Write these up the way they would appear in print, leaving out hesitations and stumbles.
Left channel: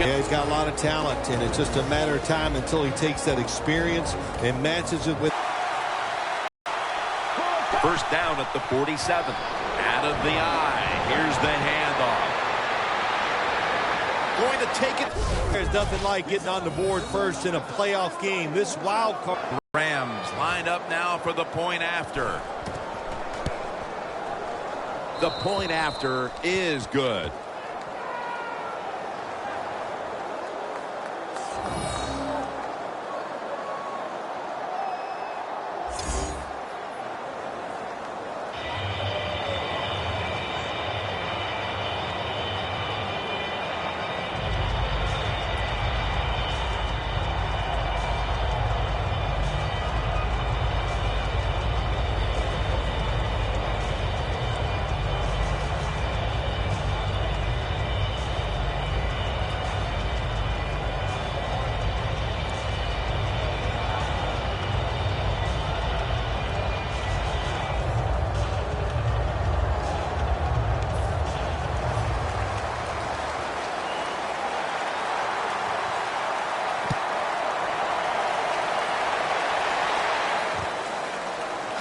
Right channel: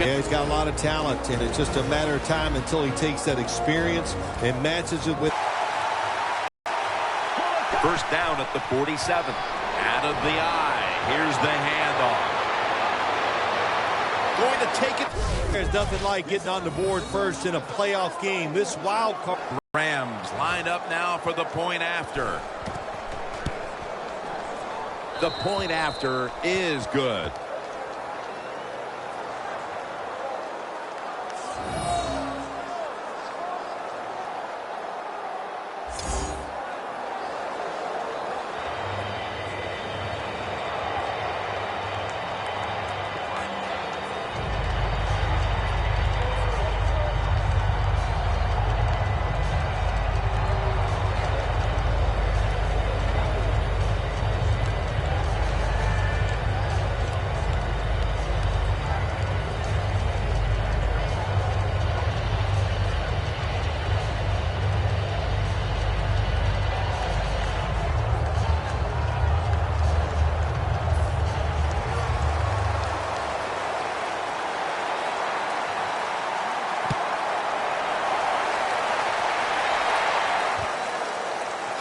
Yeah, he's got a lot of talent, and it's just a matter of time until he takes that experience and matches it with. First down at the 47. Out of the eye. Here's the handoff. Going to take it. There's nothing like getting on the board first in a playoff game. This wild card. Rams lined up now for the point after. The point after is good.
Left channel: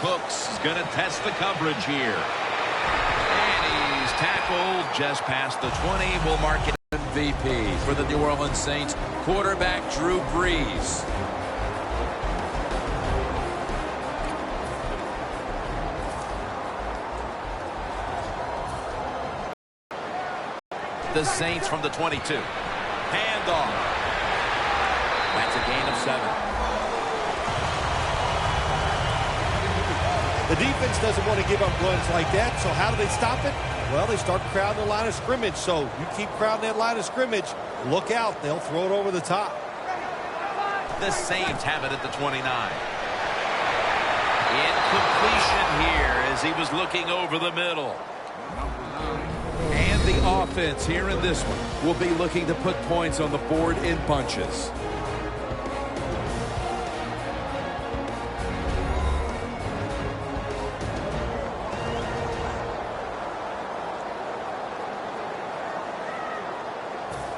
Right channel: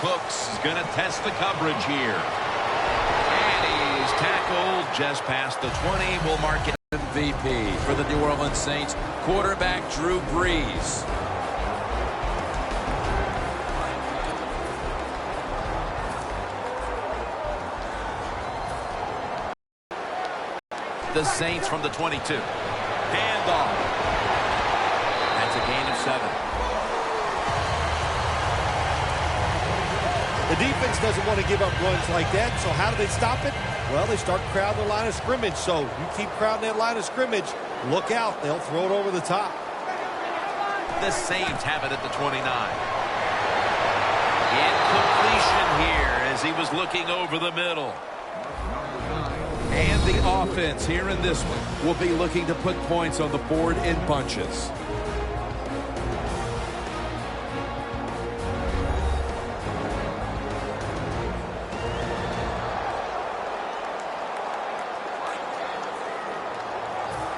Cooks is going to test the coverage here. And he's tackled just past the 20. We'll mark it MVP for the New Orleans Saints. Quarterback Drew Brees. The Saints from the 22. Handoff. That's a gain of 7. The defense doesn't want to give up runs like that, so how do they stop it? Well, they start crowding the line of scrimmage, so you keep crowding that line of scrimmage, look out, they'll throw it over the top. The Saints have it at the 29. Incompletion here as he was looking over the middle. And the offense here in this one will be looking to put points on the board in bunches.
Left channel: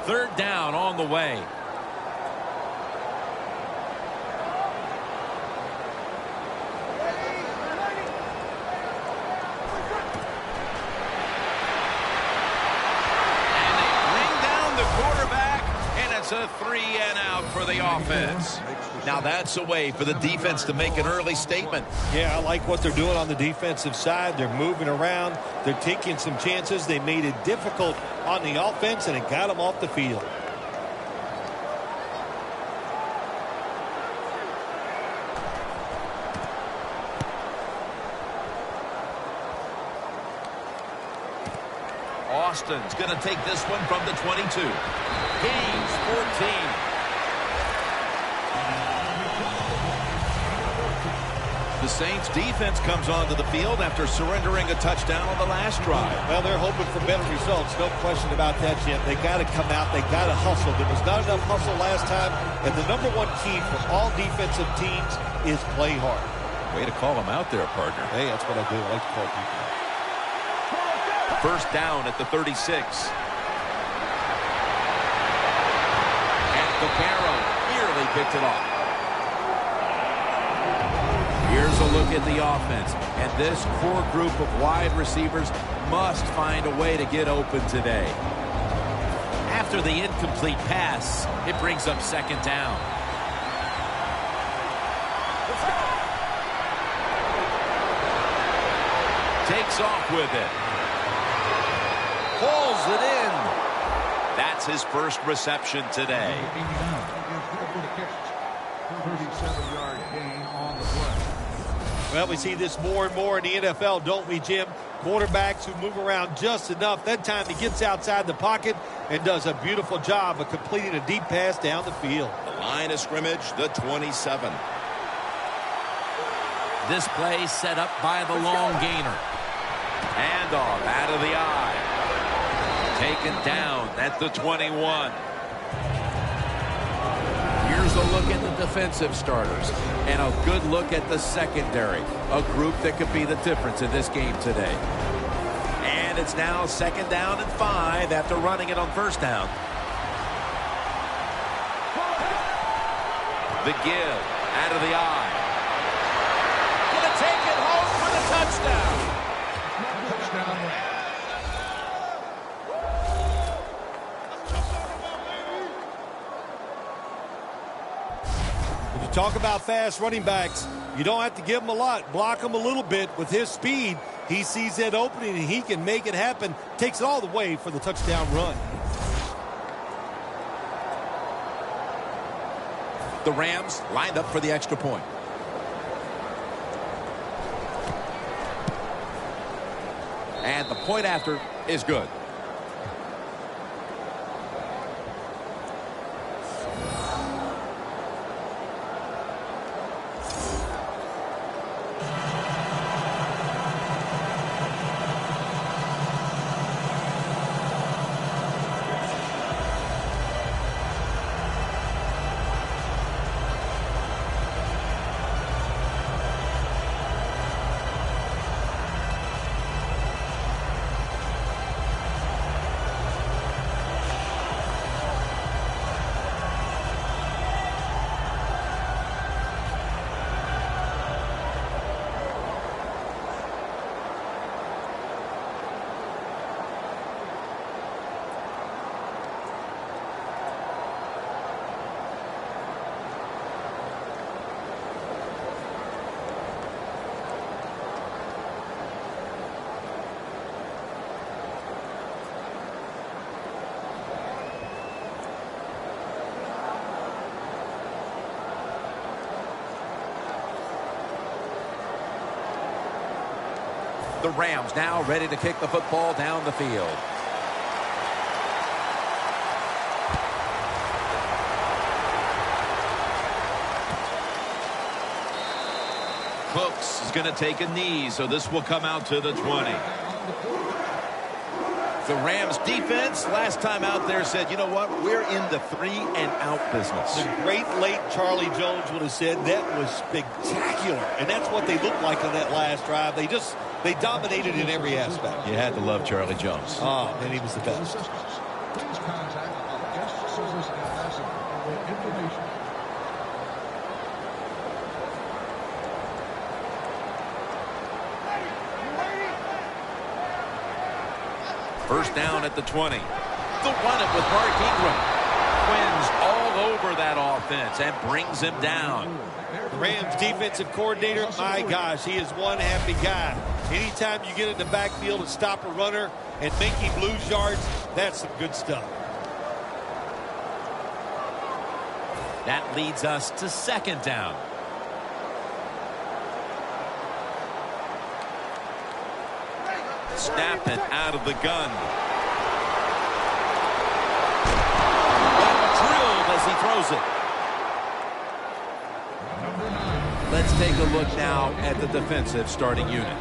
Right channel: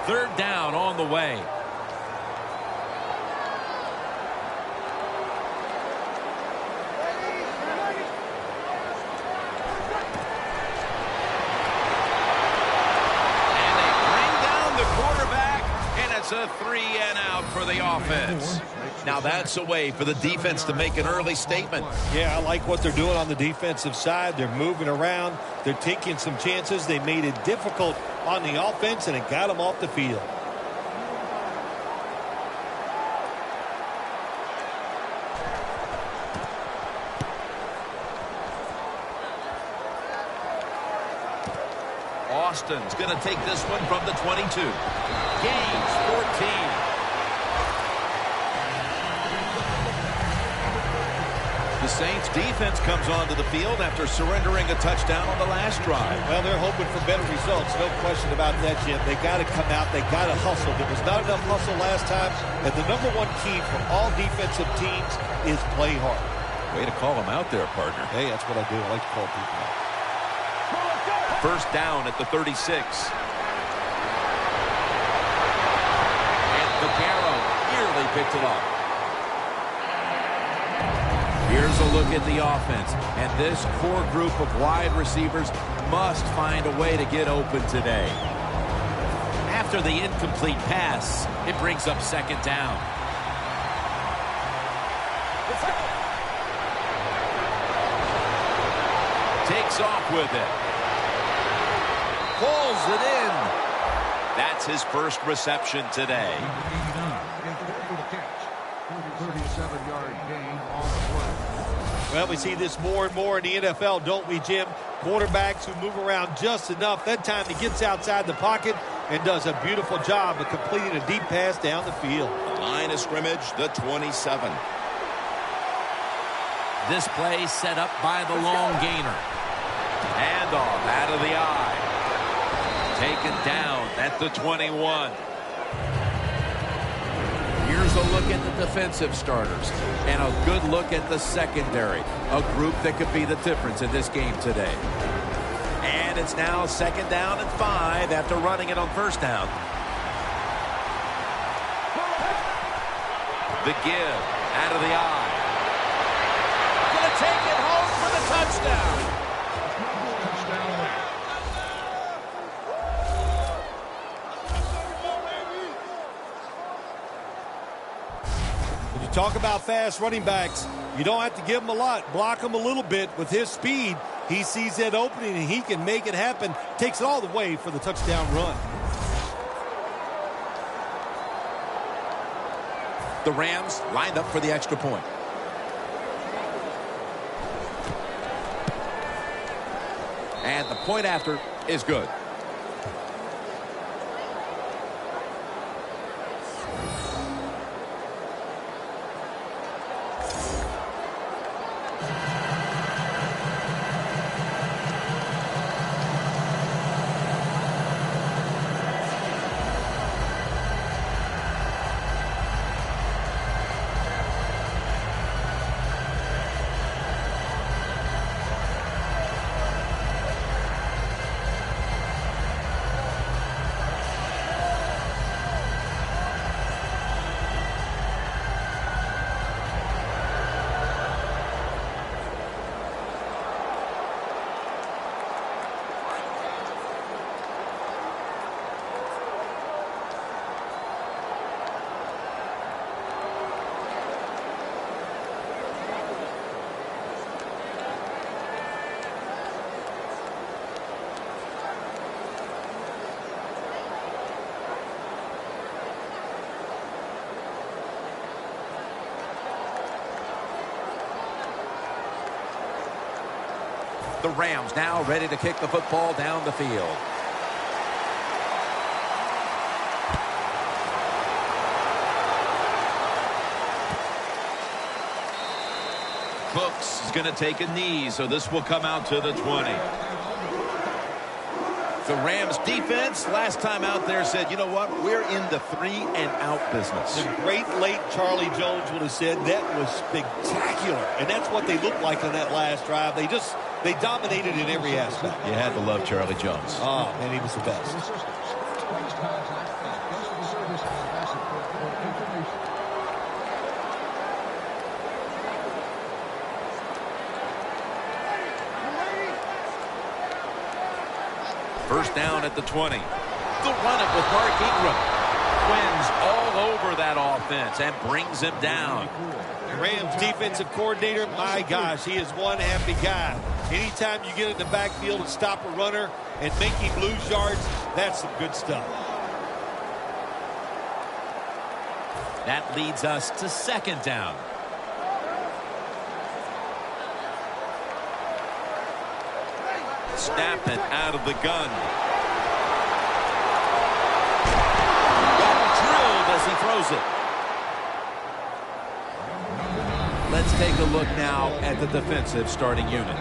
Third down on the way. And they bring down the quarterback, and it's a 3-and-out for the offense. Now that's a way for the defense to make an early statement. Yeah, I like what they're doing on the defensive side. They're moving around. They're taking some chances. They made it difficult on the offense, and it got them off the field. Austin's going to take this one from the 22. Gains 14. The Saints defense comes onto the field after surrendering a touchdown on the last drive. Well, they're hoping for better results. No question about that, Jim. They got to come out. They got to hustle. There was not enough hustle last time. And the number one key for all defensive teams is play hard. Way to call them out there, partner. Hey, that's what I do. I like to call people out. First down at the 36. And Vaccaro nearly picked it off. Here's a look at the offense. And this core group of wide receivers must find a way to get open today. After the incomplete pass, it brings up second down. Takes off with it. Pulls it in. That's his first reception today. Well, we see this more and more in the NFL, don't we, Jim? Quarterbacks who move around just enough. That time he gets outside the pocket and does a beautiful job of completing a deep pass down the field. The line of scrimmage, the 27. This play set up by the long gainer. Handoff out of the eye. Taken down at the 21. Here's a look at the defensive starters and a good look at the secondary, a group that could be the difference in this game today. And it's now second down and 5 after running it on first down. The give out of the eye. Gonna take it home for the touchdown. When you talk about fast running backs, you don't have to give them a lot. Block them a little bit. With his speed, he sees that opening and he can make it happen. Takes it all the way for the touchdown run. The Rams lined up for the extra point. And the point after is good. The Rams now ready to kick the football down the field. Cooks is going to take a knee, so this will come out to the 20. The Rams defense last time out there said, you know what, we're in the 3-and-out business. The great late Charlie Jones would have said that was spectacular. And that's what they looked like on that last drive. They dominated in every aspect. You had to love Charlie Jones. Oh, man, he was the best. First down at the 20. They'll run it with Mark Ingram. Quinn's all over that offense and brings him down. The Rams defensive coordinator, my gosh, he is one happy guy. Anytime you get in the backfield and stop a runner and make him lose yards, that's some good stuff. That leads us to second down. Snap it out of the gun. Got drilled as he throws it. Let's take a look now at the defensive starting unit.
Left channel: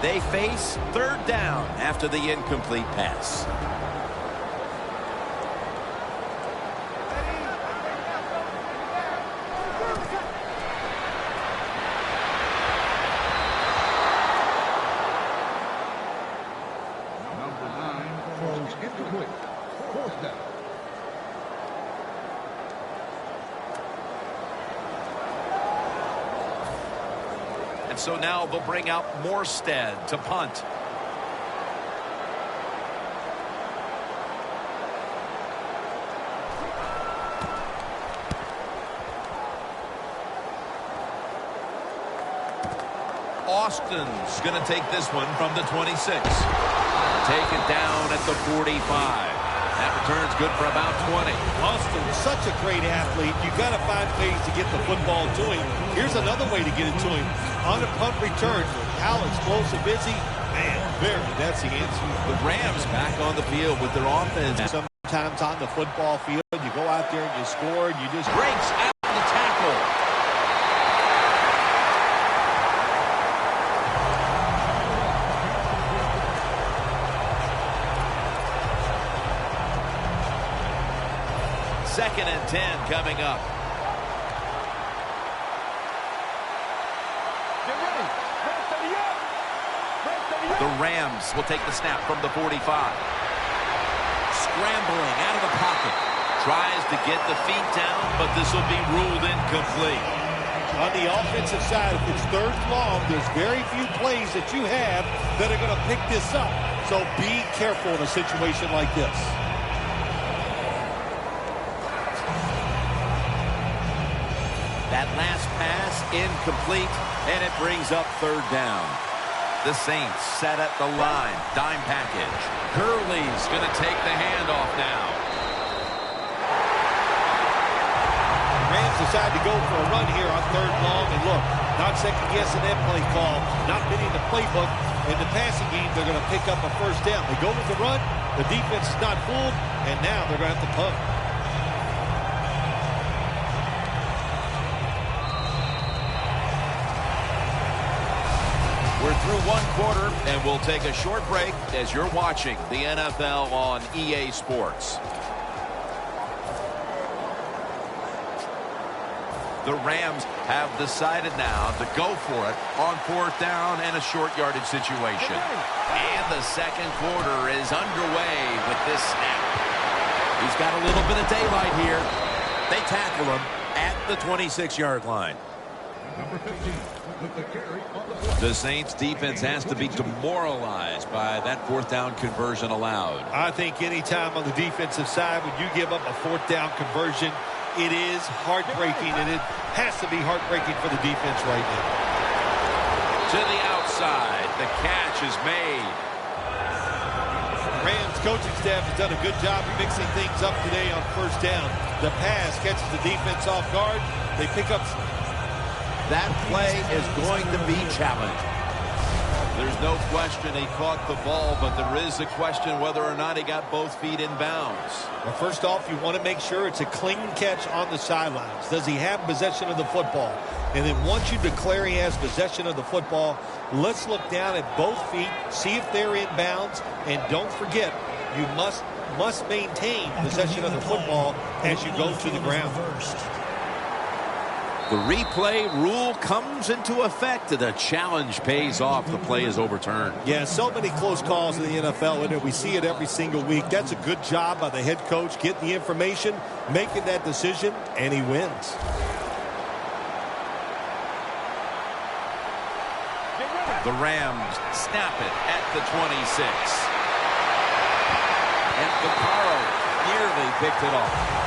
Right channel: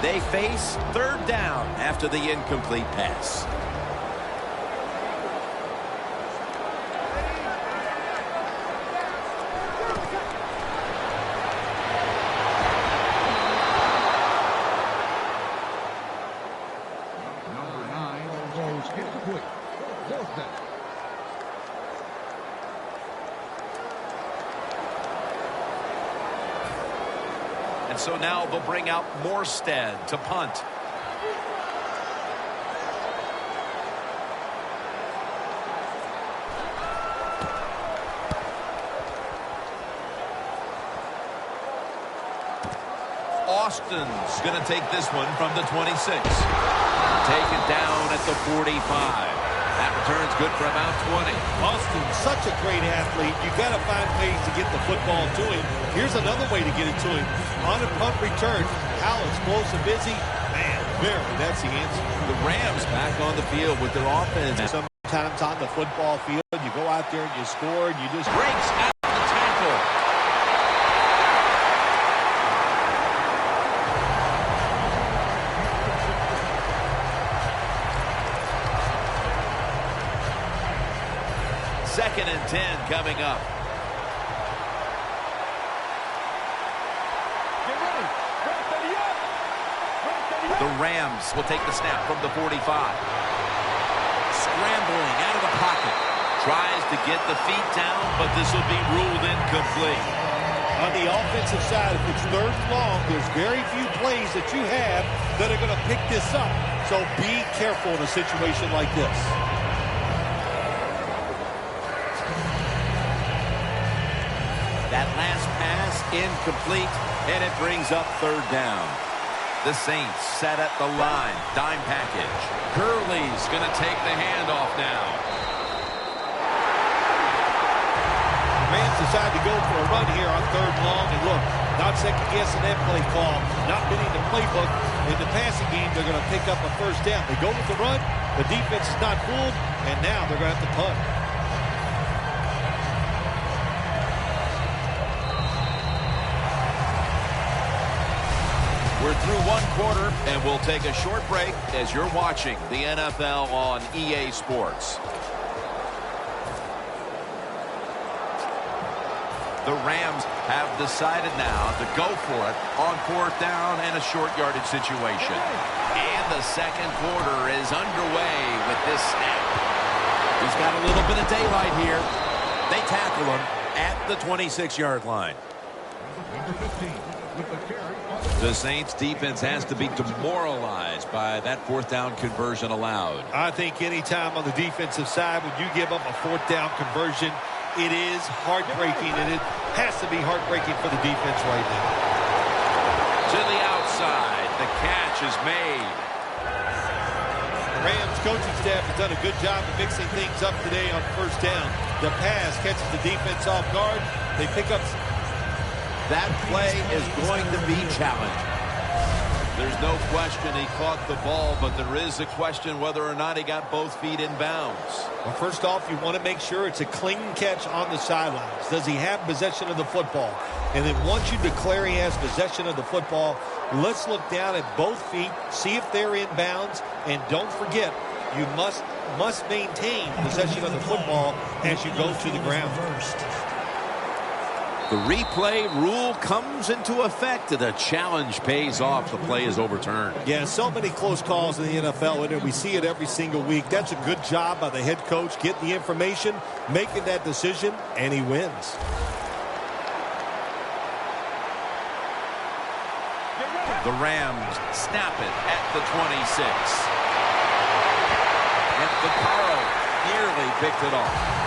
They face third down after the incomplete pass. And so now they'll bring out Morstead to punt. Austin's going to take this one from the 26. Take it down at the 45. That return's good for about 20. Austin's such a great athlete. You got to find ways to get the football to him. Here's another way to get it to him. On a punt return, how explosive is he? Man, that's the answer. The Rams back on the field with their offense. Sometimes on the football field, you go out there and you score and you just breaks out the tackle. Second and 10 coming up. Get ready. Ready up. The Rams will take the snap from the 45. scrambling out of the pocket. Tries to get the feet down, but this will be ruled incomplete. On the offensive side, if it's third and long, there's very few plays that you have that are going to pick this up. So be careful in a situation like this. That last pass incomplete, and it brings up third down. The Saints set at the line. Dime package. Gurley's going to take the handoff now. The Rams decide to go for a run here on third and long. And look, not second-guessing that play call. Not fitting the playbook. In the passing game, they're going to pick up a first down. They go with the run. The defense is not fooled. And now they're going to have to punt. We're through one quarter, and we'll take a short break as you're watching the NFL on EA Sports. The Rams have decided now to go for it on fourth down and a short yardage situation. And the second quarter is underway with this snap. He's got a little bit of daylight here. They tackle him at the 26-yard line. The Saints defense has to be demoralized by that fourth down conversion allowed. I think any time on the defensive side when you give up a fourth down conversion, it is heartbreaking, and it has to be heartbreaking for the defense right now. To the outside, the catch is made. The Rams coaching staff has done a good job of mixing things up today on first down. The pass catches the defense off guard. They pick up. That play is going to be challenged. There's no question he caught the ball, but there is a question whether or not he got both feet in bounds. Well, first off, you want to make sure it's a clean catch on the sidelines. Does he have possession of the football? And then once you declare he has possession of the football, let's look down at both feet, see if they're in bounds, and don't forget, you must maintain possession of the football as you go to the ground. The replay rule comes into effect. The challenge pays off. The play is overturned. Yeah, so many close calls in the NFL, and we see it every single week. That's a good job by the head coach getting the information, making that decision, and he wins. The Rams snap it at the 26. And Vaccaro nearly picked it off.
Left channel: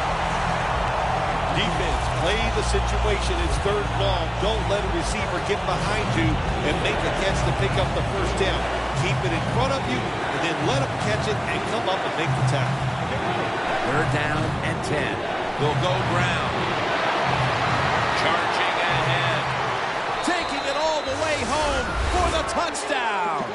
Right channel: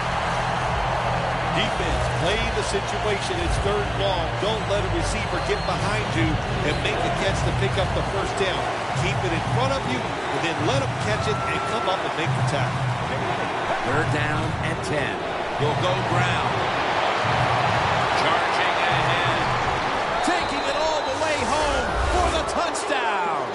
Defense, play the situation. It's third and long. Don't let a receiver get behind you and make a catch to pick up the first down. Keep it in front of you, and then let them catch it and come up and make the tackle. Third down and 10. They'll go ground. Charging ahead. Taking it all the way home for the touchdown.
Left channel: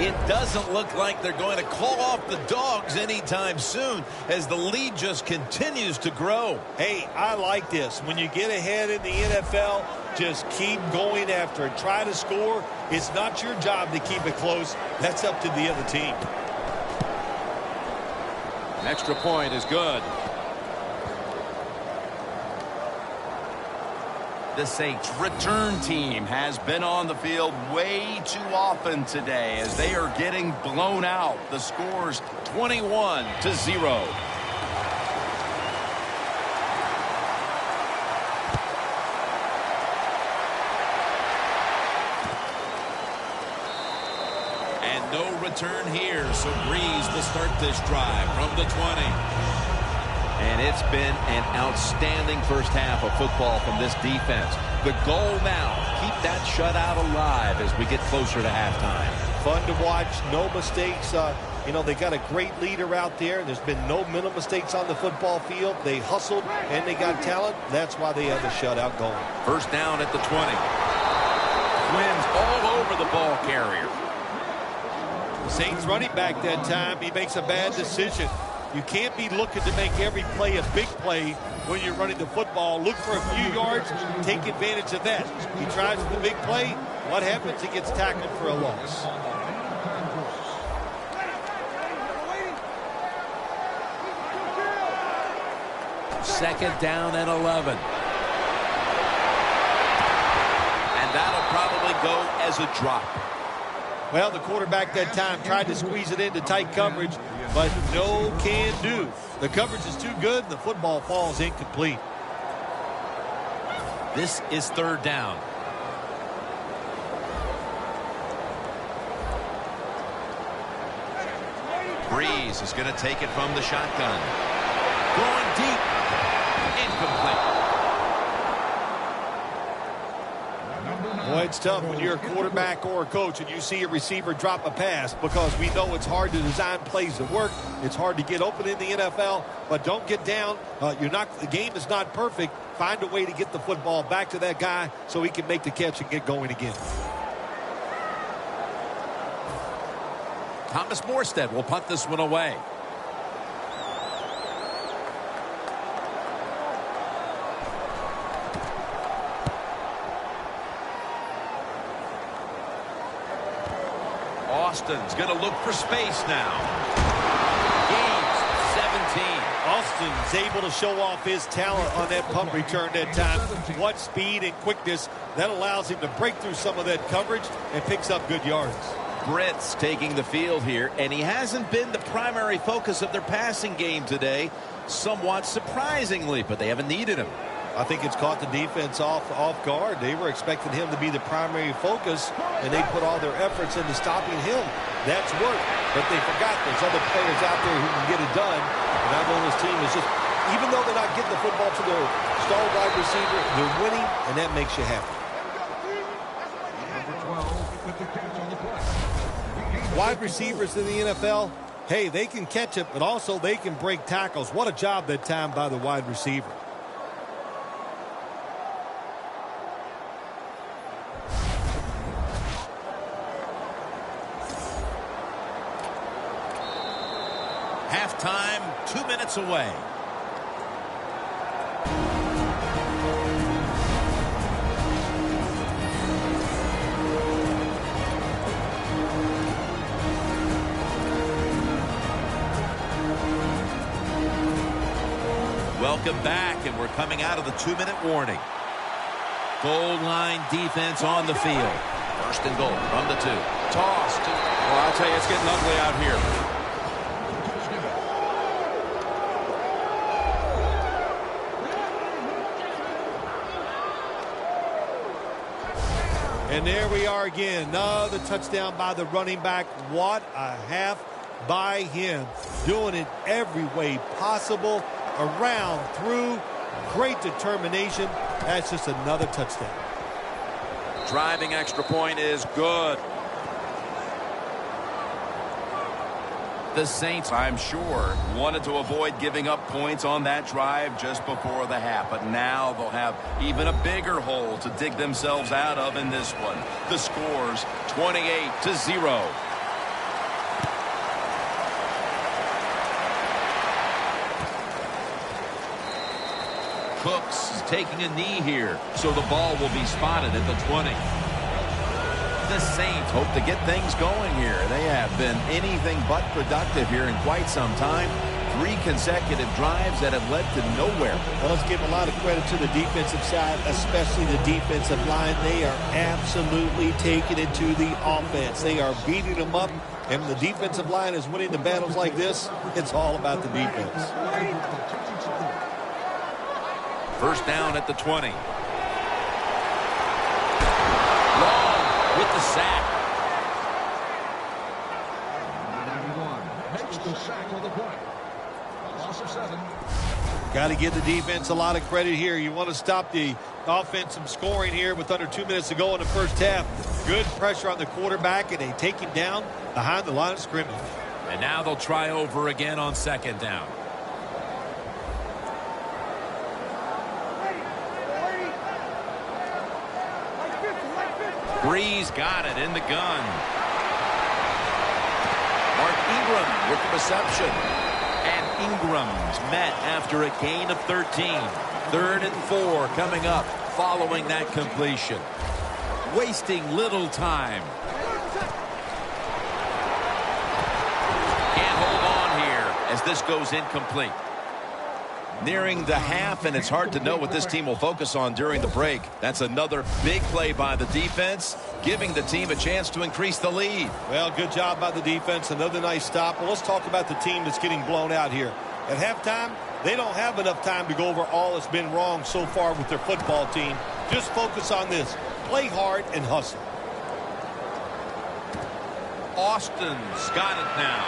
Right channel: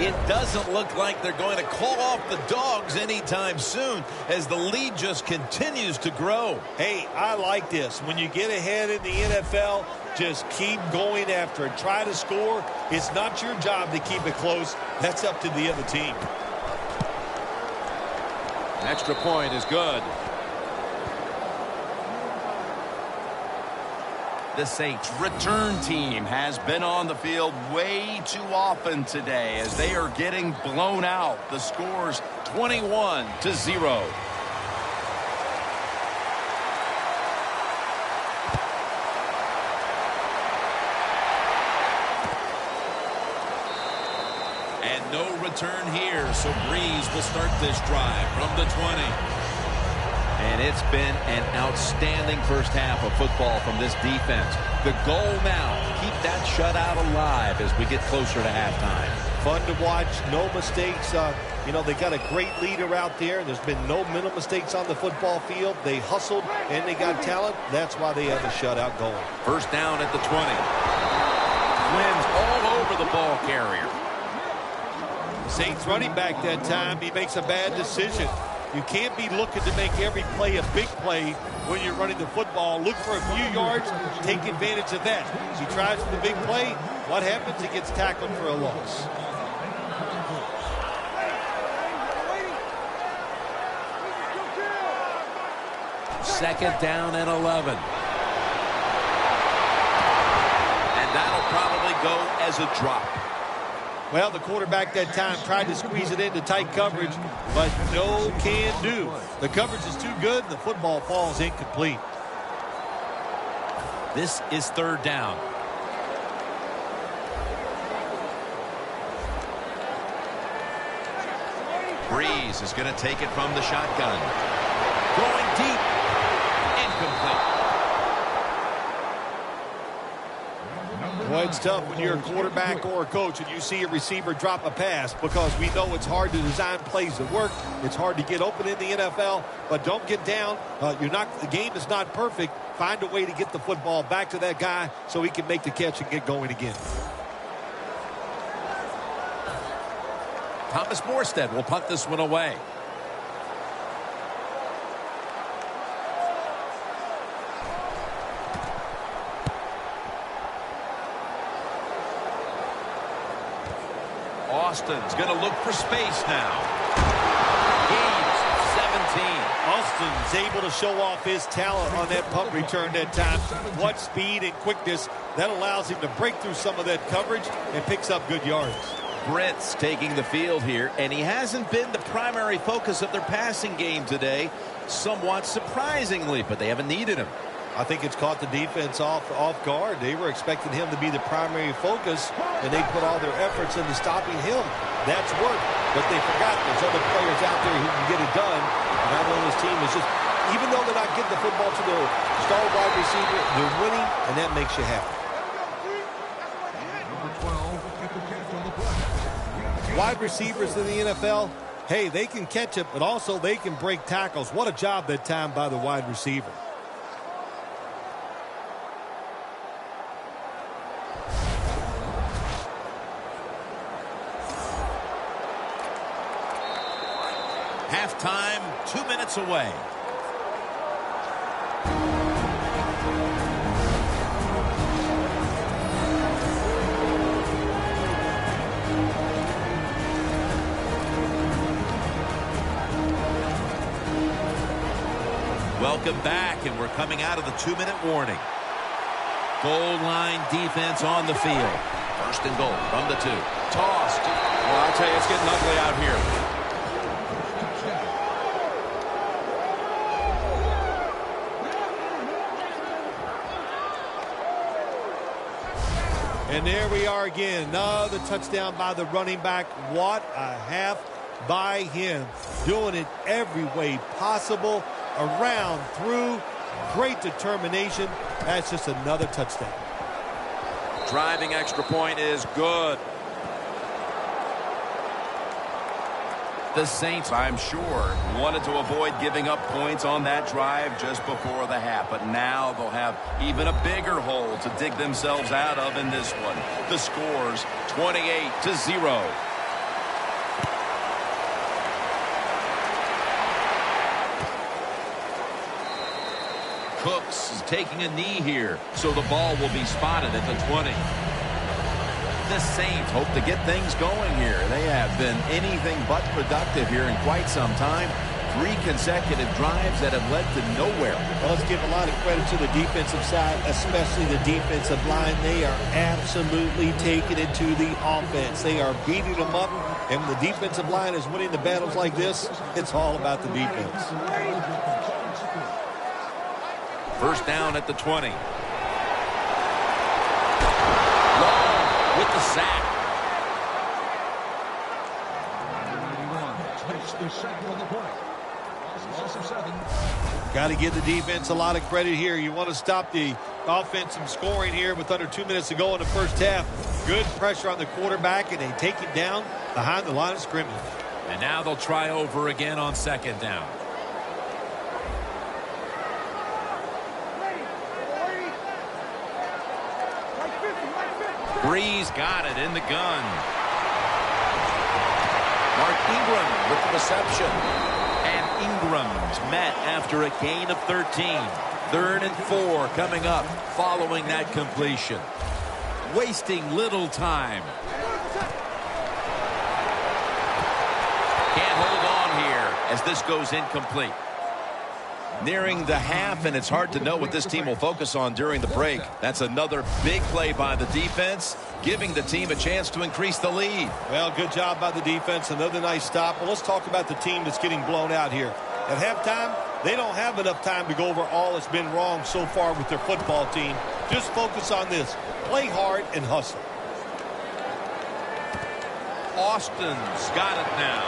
It doesn't look like they're going to call off the Dogs anytime soon as the lead just continues to grow. Hey, I like this. When you get ahead in the NFL, just keep going after it. Try to score. It's not your job to keep it close. That's up to the other team. An extra point is good. The Saints return team has been on the field way too often today as they are getting blown out. The score's 21-0. And no return here, so Breeze will start this drive from the 20. And it's been an outstanding first half of football from this defense. The goal now, keep that shutout alive as we get closer to halftime. Fun to watch, no mistakes. They got a great leader out there. There's been no mental mistakes on the football field. They hustled, and they got talent. That's why they had the shutout going. First down at the 20. Twins all over the ball carrier. Saints running back that time, he makes a bad decision. You can't be looking to make every play a big play when you're running the football. Look for a few yards, take advantage of that. He tries for the big play. What happens? He gets tackled for a loss. Second down and 11. And that'll probably go as a drop. Well, the quarterback that time tried to squeeze it into tight coverage, but no can do. The coverage is too good, and the football falls incomplete. This is third down. Breeze is going to take it from the shotgun. Going deep. Incomplete. Boy, it's tough when you're a quarterback or a coach and you see a receiver drop a pass, because we know it's hard to design plays that work. It's hard to get open in the NFL, but don't get down. The game is not perfect. Find a way to get the football back to that guy so he can make the catch and get going again. Thomas Morstead will punt this one away. Austin's going to look for space now. Gains 17. Austin's able to show off his talent on that punt return that time. What speed and quickness that allows him to break through some of that coverage and picks up good yards. Britt's taking the field here, and he hasn't been the primary focus of their passing game today, somewhat surprisingly, but they haven't needed him. I think it's caught the defense off guard. They were expecting him to be the primary focus, and they put all their efforts into stopping him. That's worked, but they forgot there's other players out there who can get it done. And I know this team is just, even though they're not getting the football to their star wide receiver, they're winning, and that makes you happy. Wide receivers in the NFL, hey, they can catch it, but also they can break tackles. What a job that time by the wide receiver. Halftime, 2 minutes away. Welcome back, and we're coming out of the 2-minute warning. Goal line defense on the field. First and goal from the 2. Tossed. Well, I tell you, it's getting ugly out here. And there we are again. Another touchdown by the running back. What a half by him. Doing it every way possible. Around, through. Great determination. That's just another touchdown. Driving extra point is good. The Saints, I'm sure, wanted to avoid giving up points on that drive just before the half, but now they'll have even a bigger hole to dig themselves out of in this one. The score's 28-0. Cooks is taking a knee here, so the ball will be spotted at the 20. The Saints hope to get things going here. They have been anything but productive here in quite some time. 3 consecutive drives that have led to nowhere. Well, let's give a lot of credit to the defensive side, especially the defensive line. They are absolutely taking it to the offense. They are beating them up, and when the defensive line is winning the battles like this, it's all about the defense. First down at the 20. Long with the sack. Got to give the defense a lot of credit here. You want to stop the offense from scoring here with under 2 minutes to go in the first half. Good pressure on the quarterback, and they take him down behind the line of scrimmage. And now they'll try over again on second down. Breeze got it in the gun. Mark Ingram with the reception. And Ingram's met after a gain of 13. 3rd and 4 coming up following that completion. Wasting little time. Can't hold on here as this goes incomplete. Nearing the half, and it's hard to know what this team will focus on during the break. That's another big play by the defense, giving the team a chance to increase the lead. Well, good job by the defense. Another nice stop. Well, let's talk about the team that's getting blown out here. At halftime, they don't have enough time to go over all that's been wrong so far with their football team. Just focus on this. Play hard and hustle. Austin's got it now.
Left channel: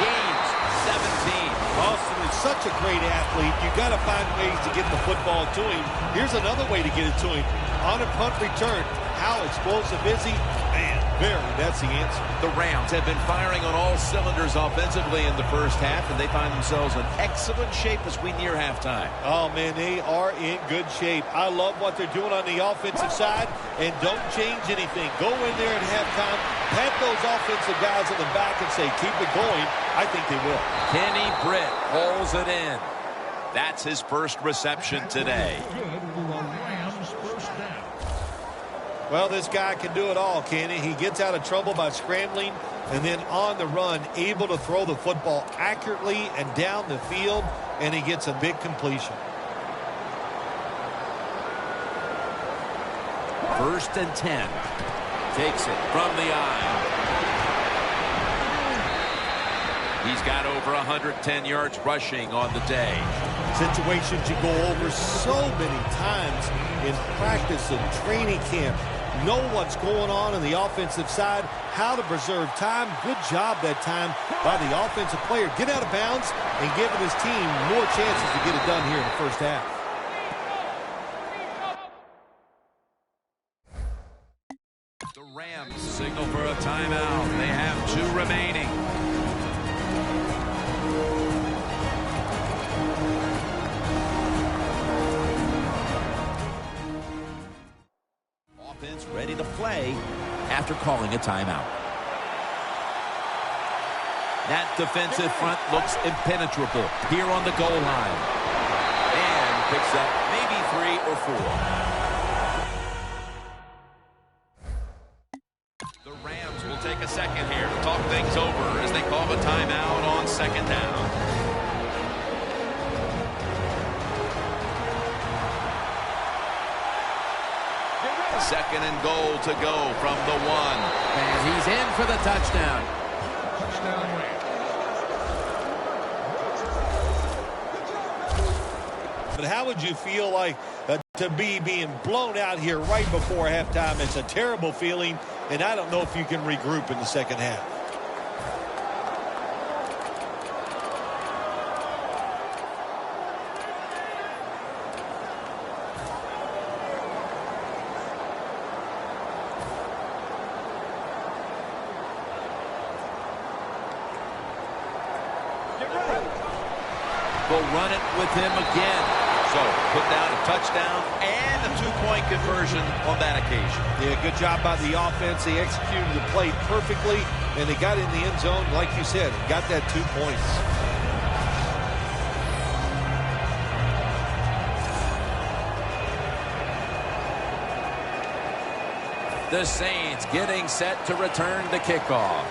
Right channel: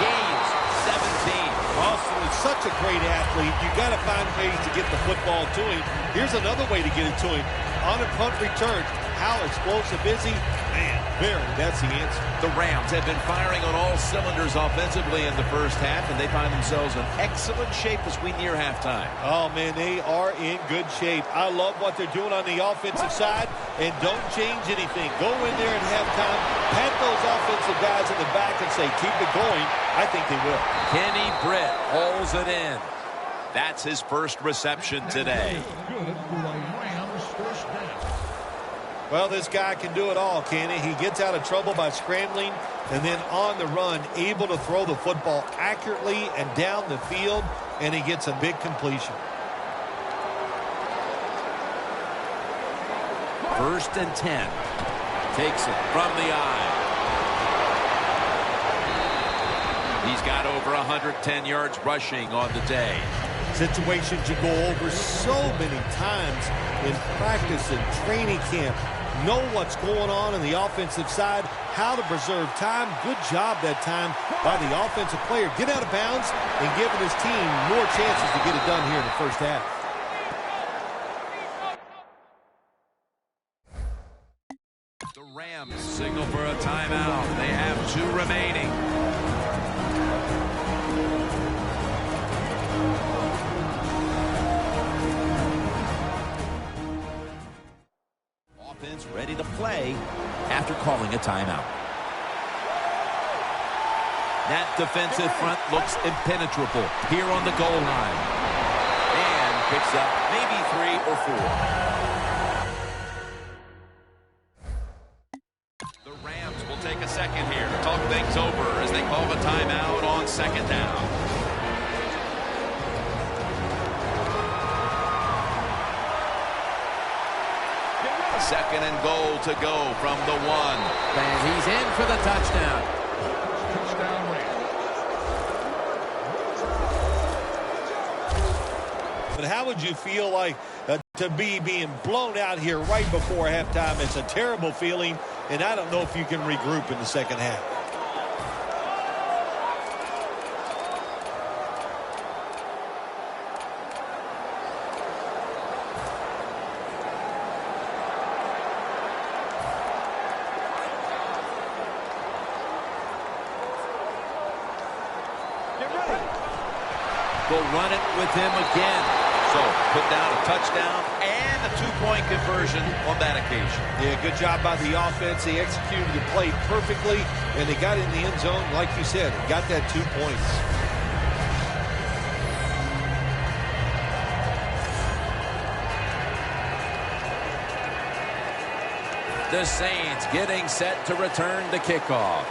Gains 17. Austin is such a great athlete. You got to find ways to get the football to him. Here's another way to get it to him. On a punt return. How explosive is he? Man, that's the answer. The Rams have been firing on all cylinders offensively in the first half, and they find themselves in excellent shape as we near halftime. Oh, man, they are in good shape. I love what they're doing on the offensive side, and don't change anything. Go in there at halftime, pat those offensive guys in the back and say, keep it going. I think they will. Kenny Britt hauls it in. That's his first reception today. Well, this guy can do it all, can he? He gets out of trouble by scrambling and then on the run, able to throw the football accurately and down the field, and he gets a big completion. 1st and 10. Takes it from the eye. He's got over 110 yards rushing on the day. Situations you go over so many times in practice and training camp. Know what's going on the offensive side, how to preserve time. Good job that time by the offensive player. Get out of bounds and giving his team more chances to get it done here in the first half. The Rams signal for a timeout. They have 2 remaining. Offense ready to play after calling a timeout. That defensive front looks impenetrable here on the goal line. And picks up maybe 3 or 4. The Rams will take a second here to talk things over as they call a timeout on 2nd down. Second and goal to go from the 1. And he's in for the touchdown. But how would you feel like to be being blown out here right before halftime? It's a terrible feeling, and I don't know if you can regroup in the second half. They'll run it with him again. So put down a touchdown and a 2-point conversion on that occasion. Yeah, good job by the offense. They executed the play perfectly, and they got in the end zone, like you said, and got that 2 points. The Saints getting set to return the kickoff.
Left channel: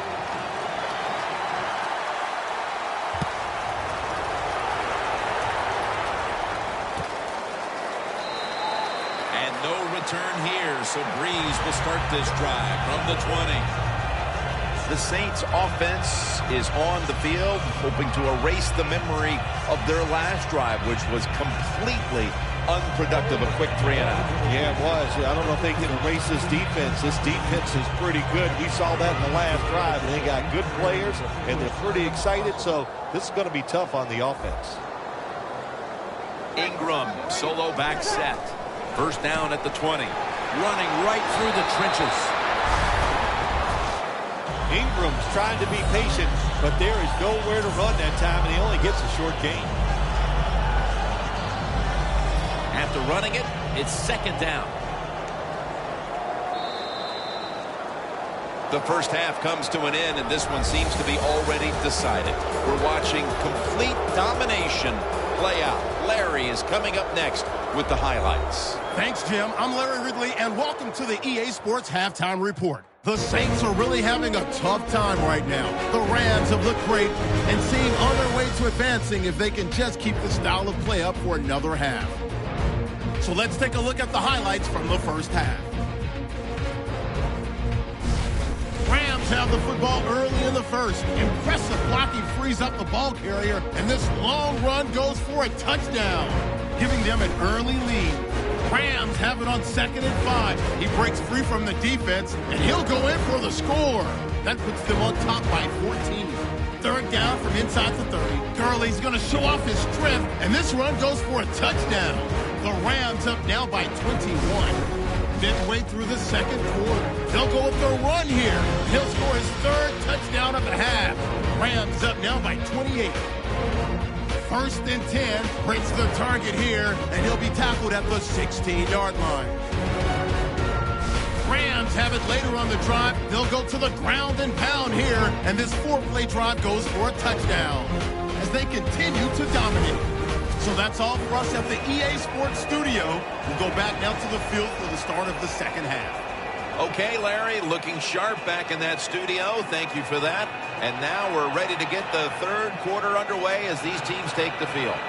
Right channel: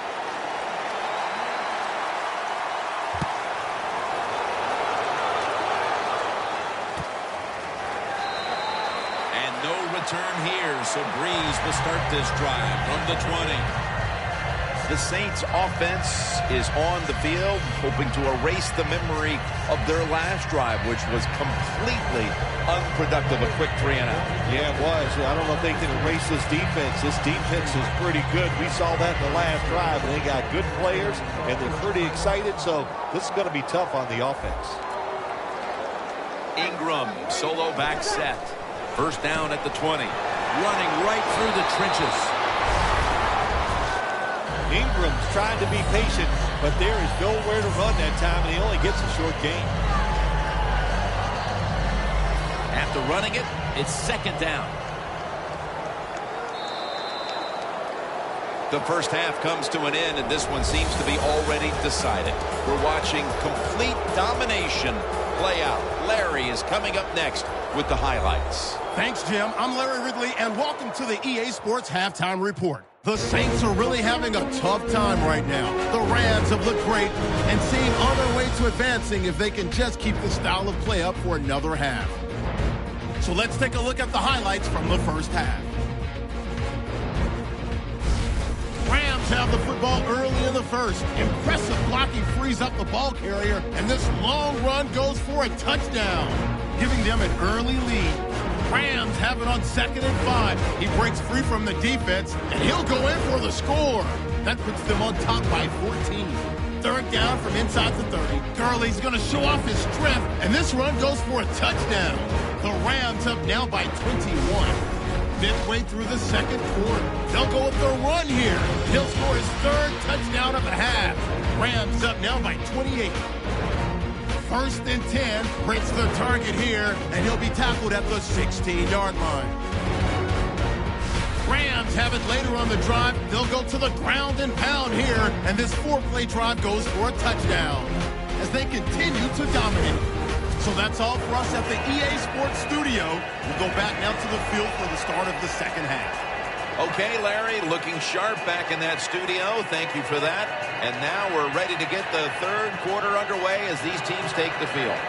No return here, so Breeze will start this drive from the 20. The Saints offense is on the field, hoping to erase the memory of their last drive, which was completely unproductive. A quick 3 and out. Yeah, it was. I don't know if they can erase this defense. This defense is pretty good. We saw that in the last drive, and they got good players, and they're pretty excited, so this is going to be tough on the offense. Ingram, solo back set. 1st down at the 20. Running right through the trenches. Ingram's trying to be patient, but there is nowhere to run that time, and he only gets a short gain. After running it, it's 2nd down. The first half comes to an end, and this one seems to be already decided. We're watching complete domination play out. Larry is coming up next with the highlights. Thanks, Jim. I'm Larry Ridley, and welcome to the EA Sports Halftime Report. The Saints are really having a tough time right now. The Rams have looked great and seem on their way to advancing if they can just keep the style of play up for another half. So let's take a look at the highlights from the first half. Rams have the football early in the first. Impressive blocking frees up the ball carrier, and this long run goes for a touchdown, giving them an early lead. Rams have it on 2nd and 5. He breaks free from the defense, and he'll go in for the score. That puts them on top by 14. 3rd down from inside the 30. Gurley's going to show off his strength, and this run goes for a touchdown. The Rams up now by 21. Midway through the second quarter, they'll go with their run here. He'll score his 3rd touchdown of the half. Rams up now by 28. 1st and 10, breaks the target here, and he'll be tackled at the 16-yard line. Rams have it later on the drive. They'll go to the ground and pound here, and this 4-play drive goes for a touchdown as they continue to dominate. So that's all for us at the EA Sports Studio. We'll go back now to the field for the start of the second half. Okay, Larry, looking sharp back in that studio. Thank you for that. And now we're ready to get the third quarter underway as these teams take the field.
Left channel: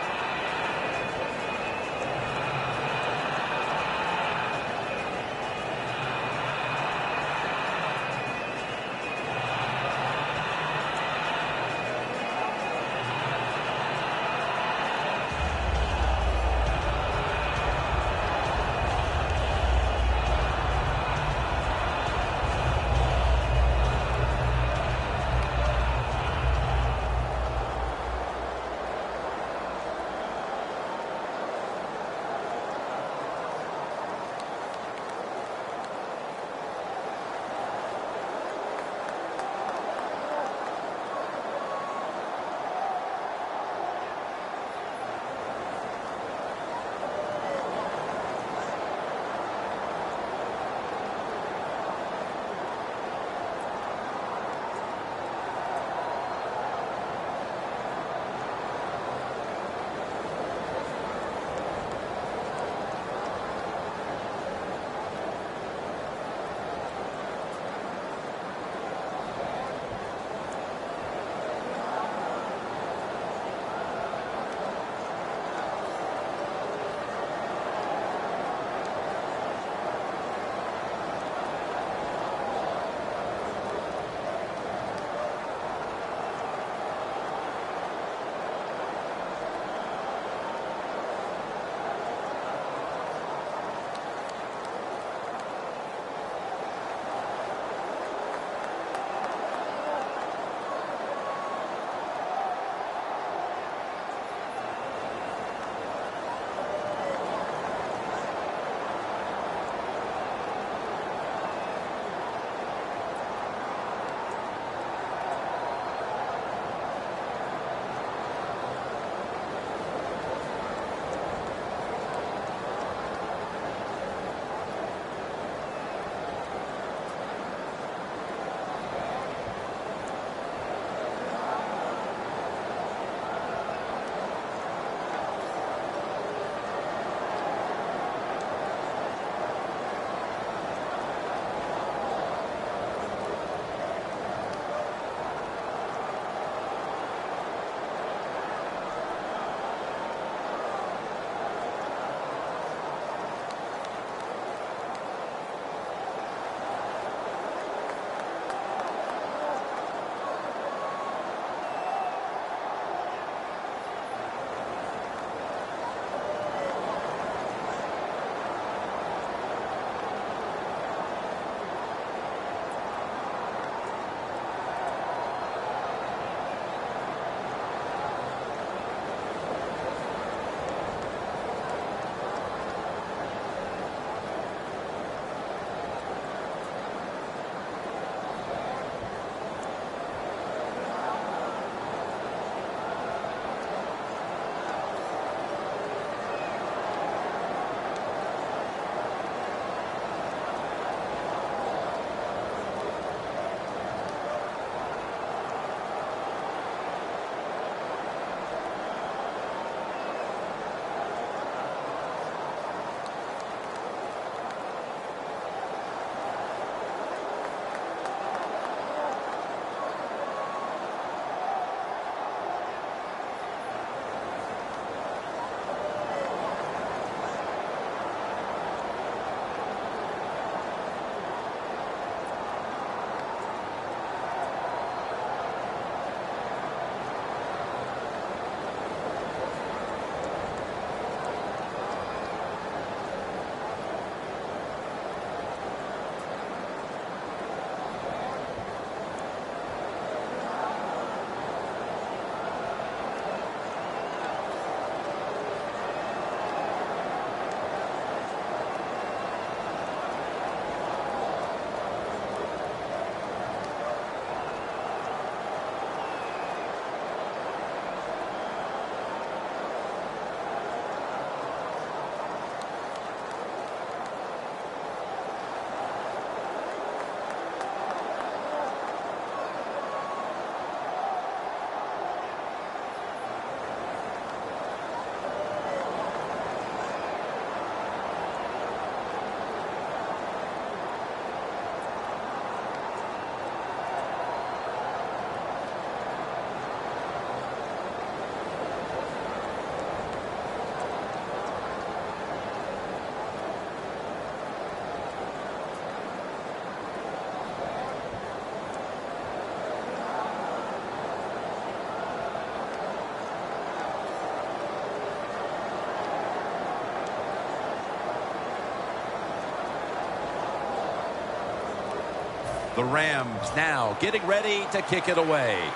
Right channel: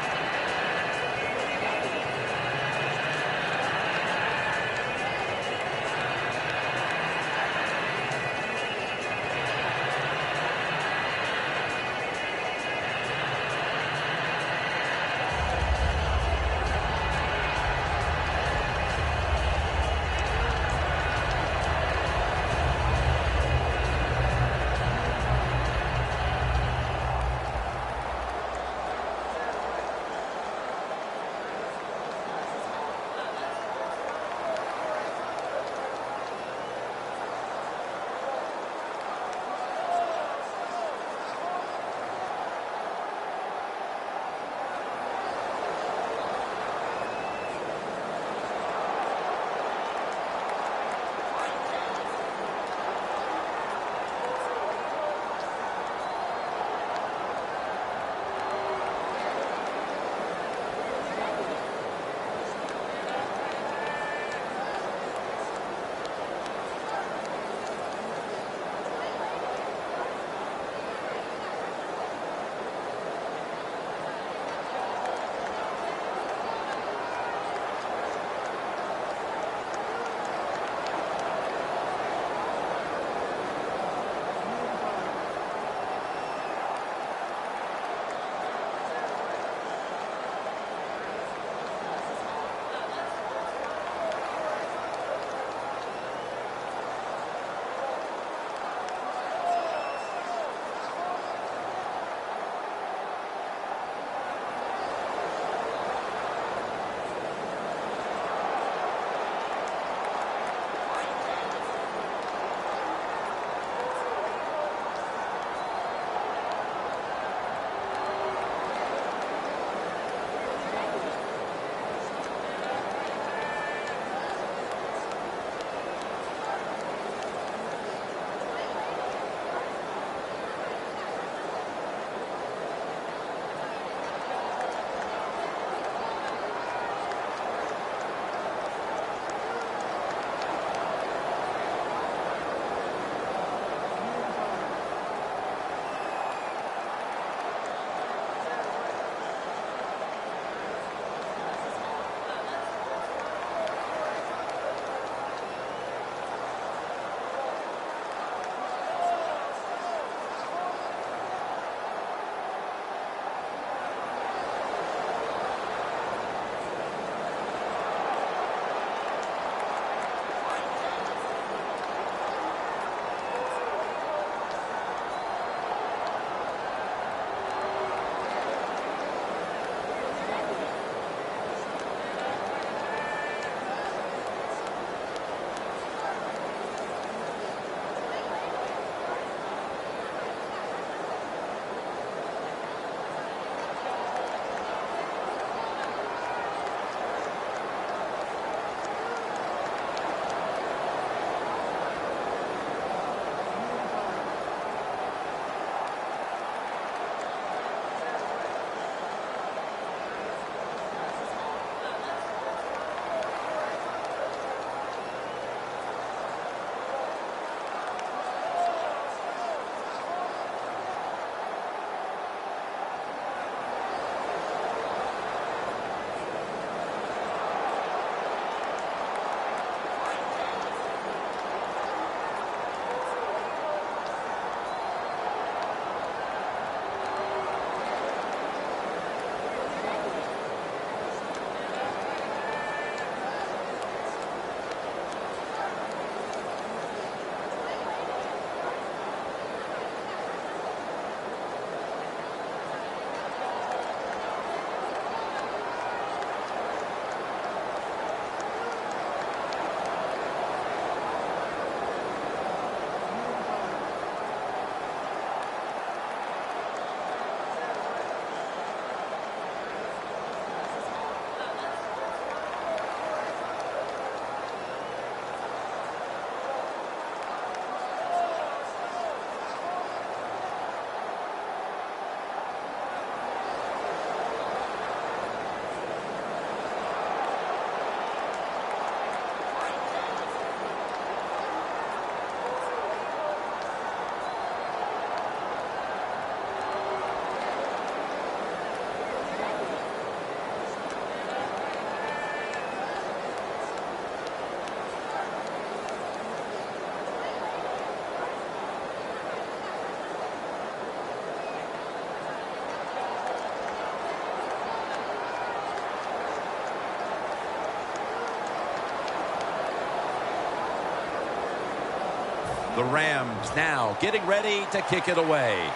The Rams now getting ready to kick it away.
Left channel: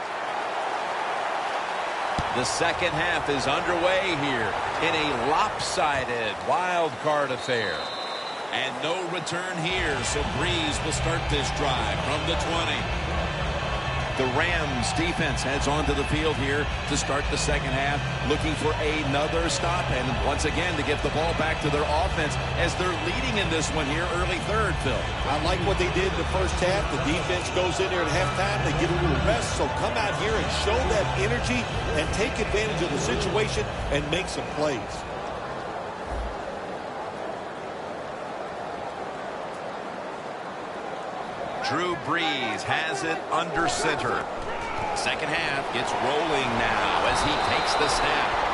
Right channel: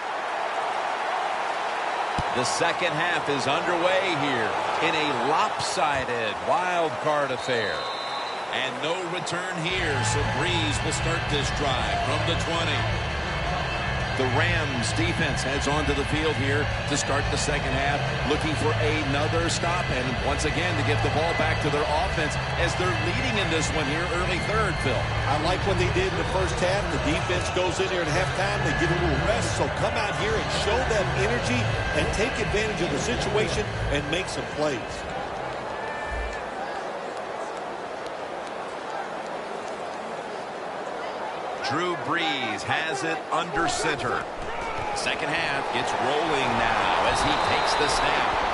The second half is underway here in a lopsided wild card affair. And no return here, so Breeze will start this drive from the 20. The Rams defense heads onto the field here to start the second half, looking for another stop and once again to give the ball back to their offense as they're leading in this one here early third, Phil. I like what they did in the first half. The defense goes in there at halftime. They get a little rest, so come out here and show that energy and take advantage of the situation and make some plays. Drew Brees has it under center. Second half gets rolling now as he takes the snap.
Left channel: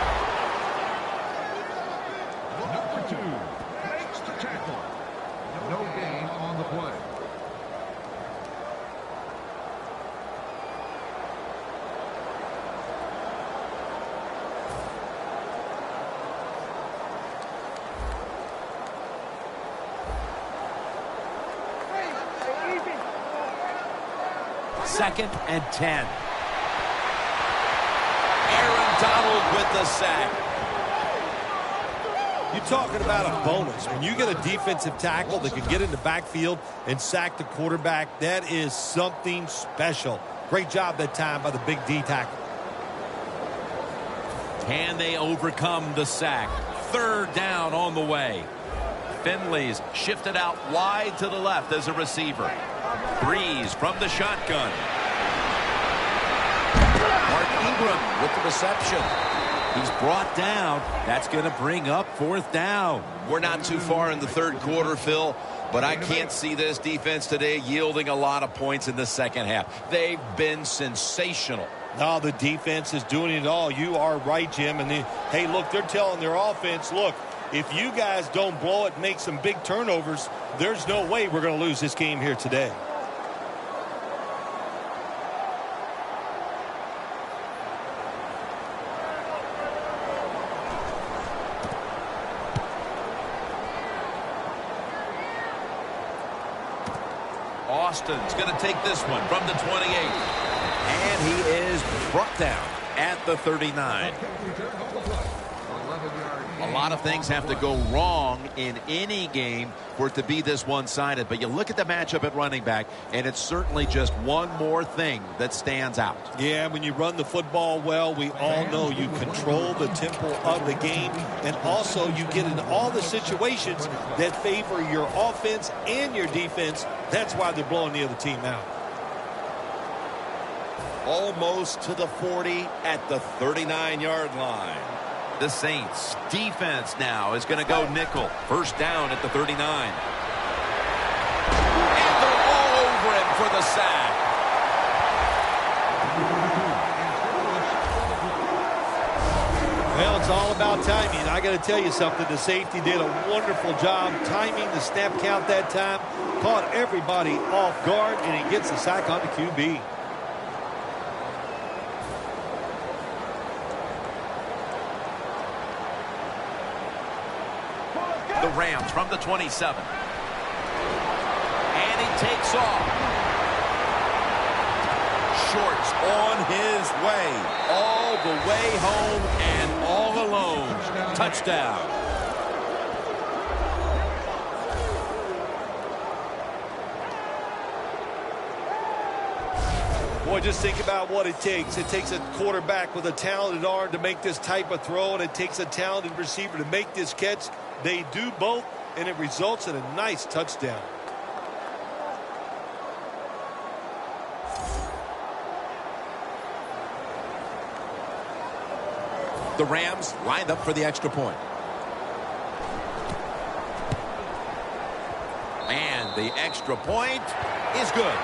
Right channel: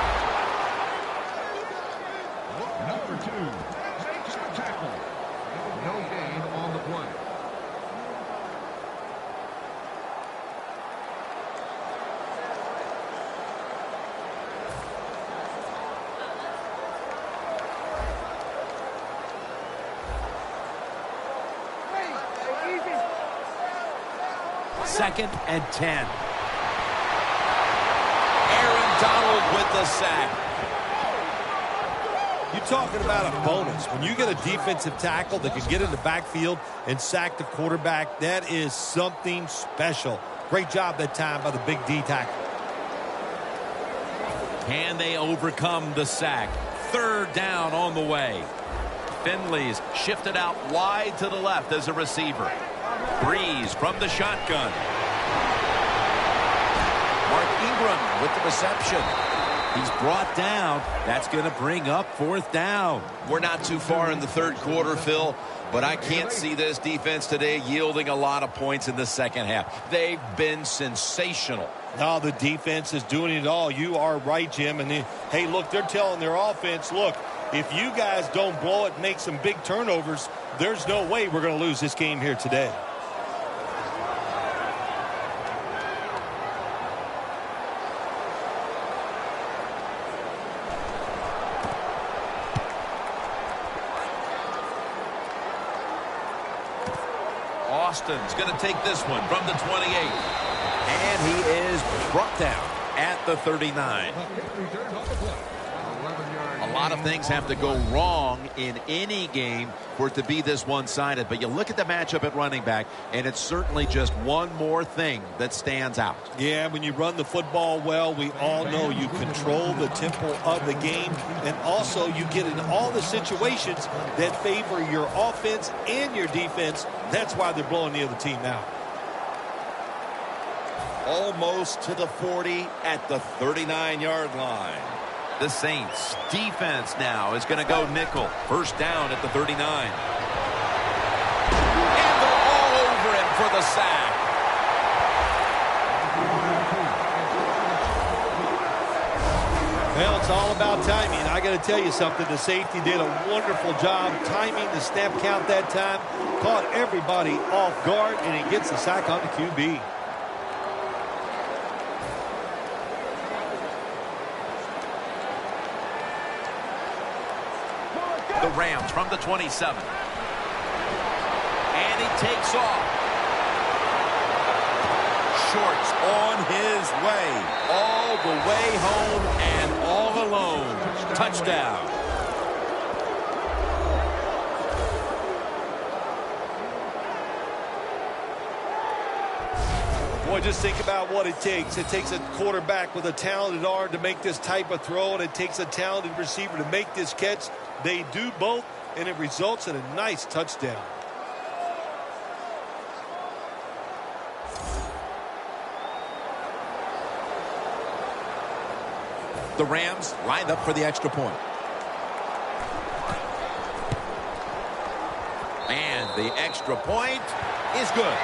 Second and 10. Aaron Donald with the sack. You're talking about a bonus. When you get a defensive tackle that can get in the backfield and sack the quarterback, that is something special. Great job that time by the big D tackle. Can they overcome the sack? Third down on the way. Finley's shifted out wide to the left as a receiver. Breeze from the shotgun. Mark Ingram with the reception. He's brought down. That's going to bring up fourth down. We're not too far in the third quarter, Phil, but I can't see this defense today yielding a lot of points in the second half. They've been sensational. No, the defense is doing it all. You are right, Jim. And hey, look, they're telling their offense, look, if you guys don't blow it, make some big turnovers, there's no way we're going to lose this game here today. Austin's going to take this one from the 28. And he is brought down at the 39. A lot of things have to go wrong in any game for it to be this one-sided. But you look at the matchup at running back, and it's certainly just one more thing that stands out. Yeah, when you run the football well, we all know you control the tempo of the game. And also you get in all the situations that favor your offense and your defense. That's why they're blowing the other team out. Almost to the 40 at the 39-yard line. The Saints defense now is going to go nickel. First down at the 39. And they're all over him for the sack. Well, it's all about timing. I got to tell you something. The safety did a wonderful job timing the snap count that time. Caught everybody off guard, and he gets the sack on the QB. The Rams from the 27. And he takes off. Shorts on his way. All the way home and all alone. Touchdown. Boy, just think about what it takes. It takes a quarterback with a talented arm to make this type of throw, and it takes a talented receiver to make this catch. They do both, and it results in a nice touchdown. The Rams lined up for the extra point. And the extra point is good.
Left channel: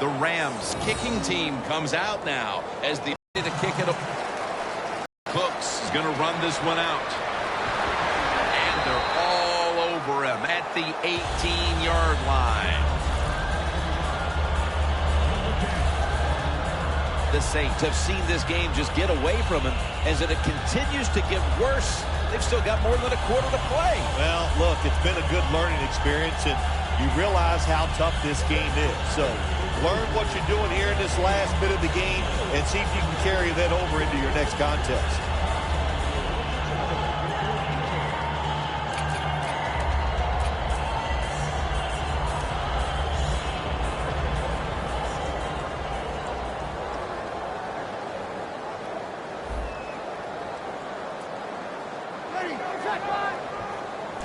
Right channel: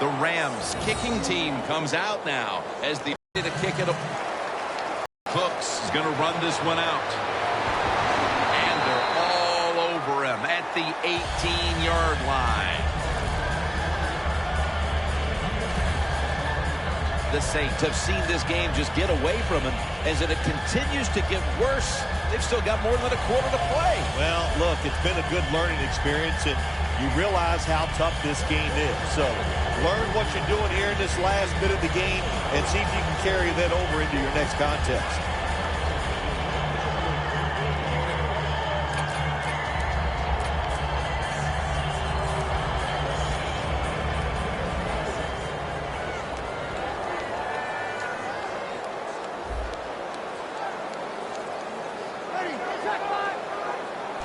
The Rams kicking team comes out now as the to kick it up. Cooks is going to run this one out. And they're all over him at the 18-yard line. The Saints have seen this game just get away from him as it continues to get worse. They've still got more than a quarter to play. Well, look, it's been a good learning experience, and you realize how tough this game is. So learn what you're doing here in this last bit of the game and see if you can carry that over into your next contest.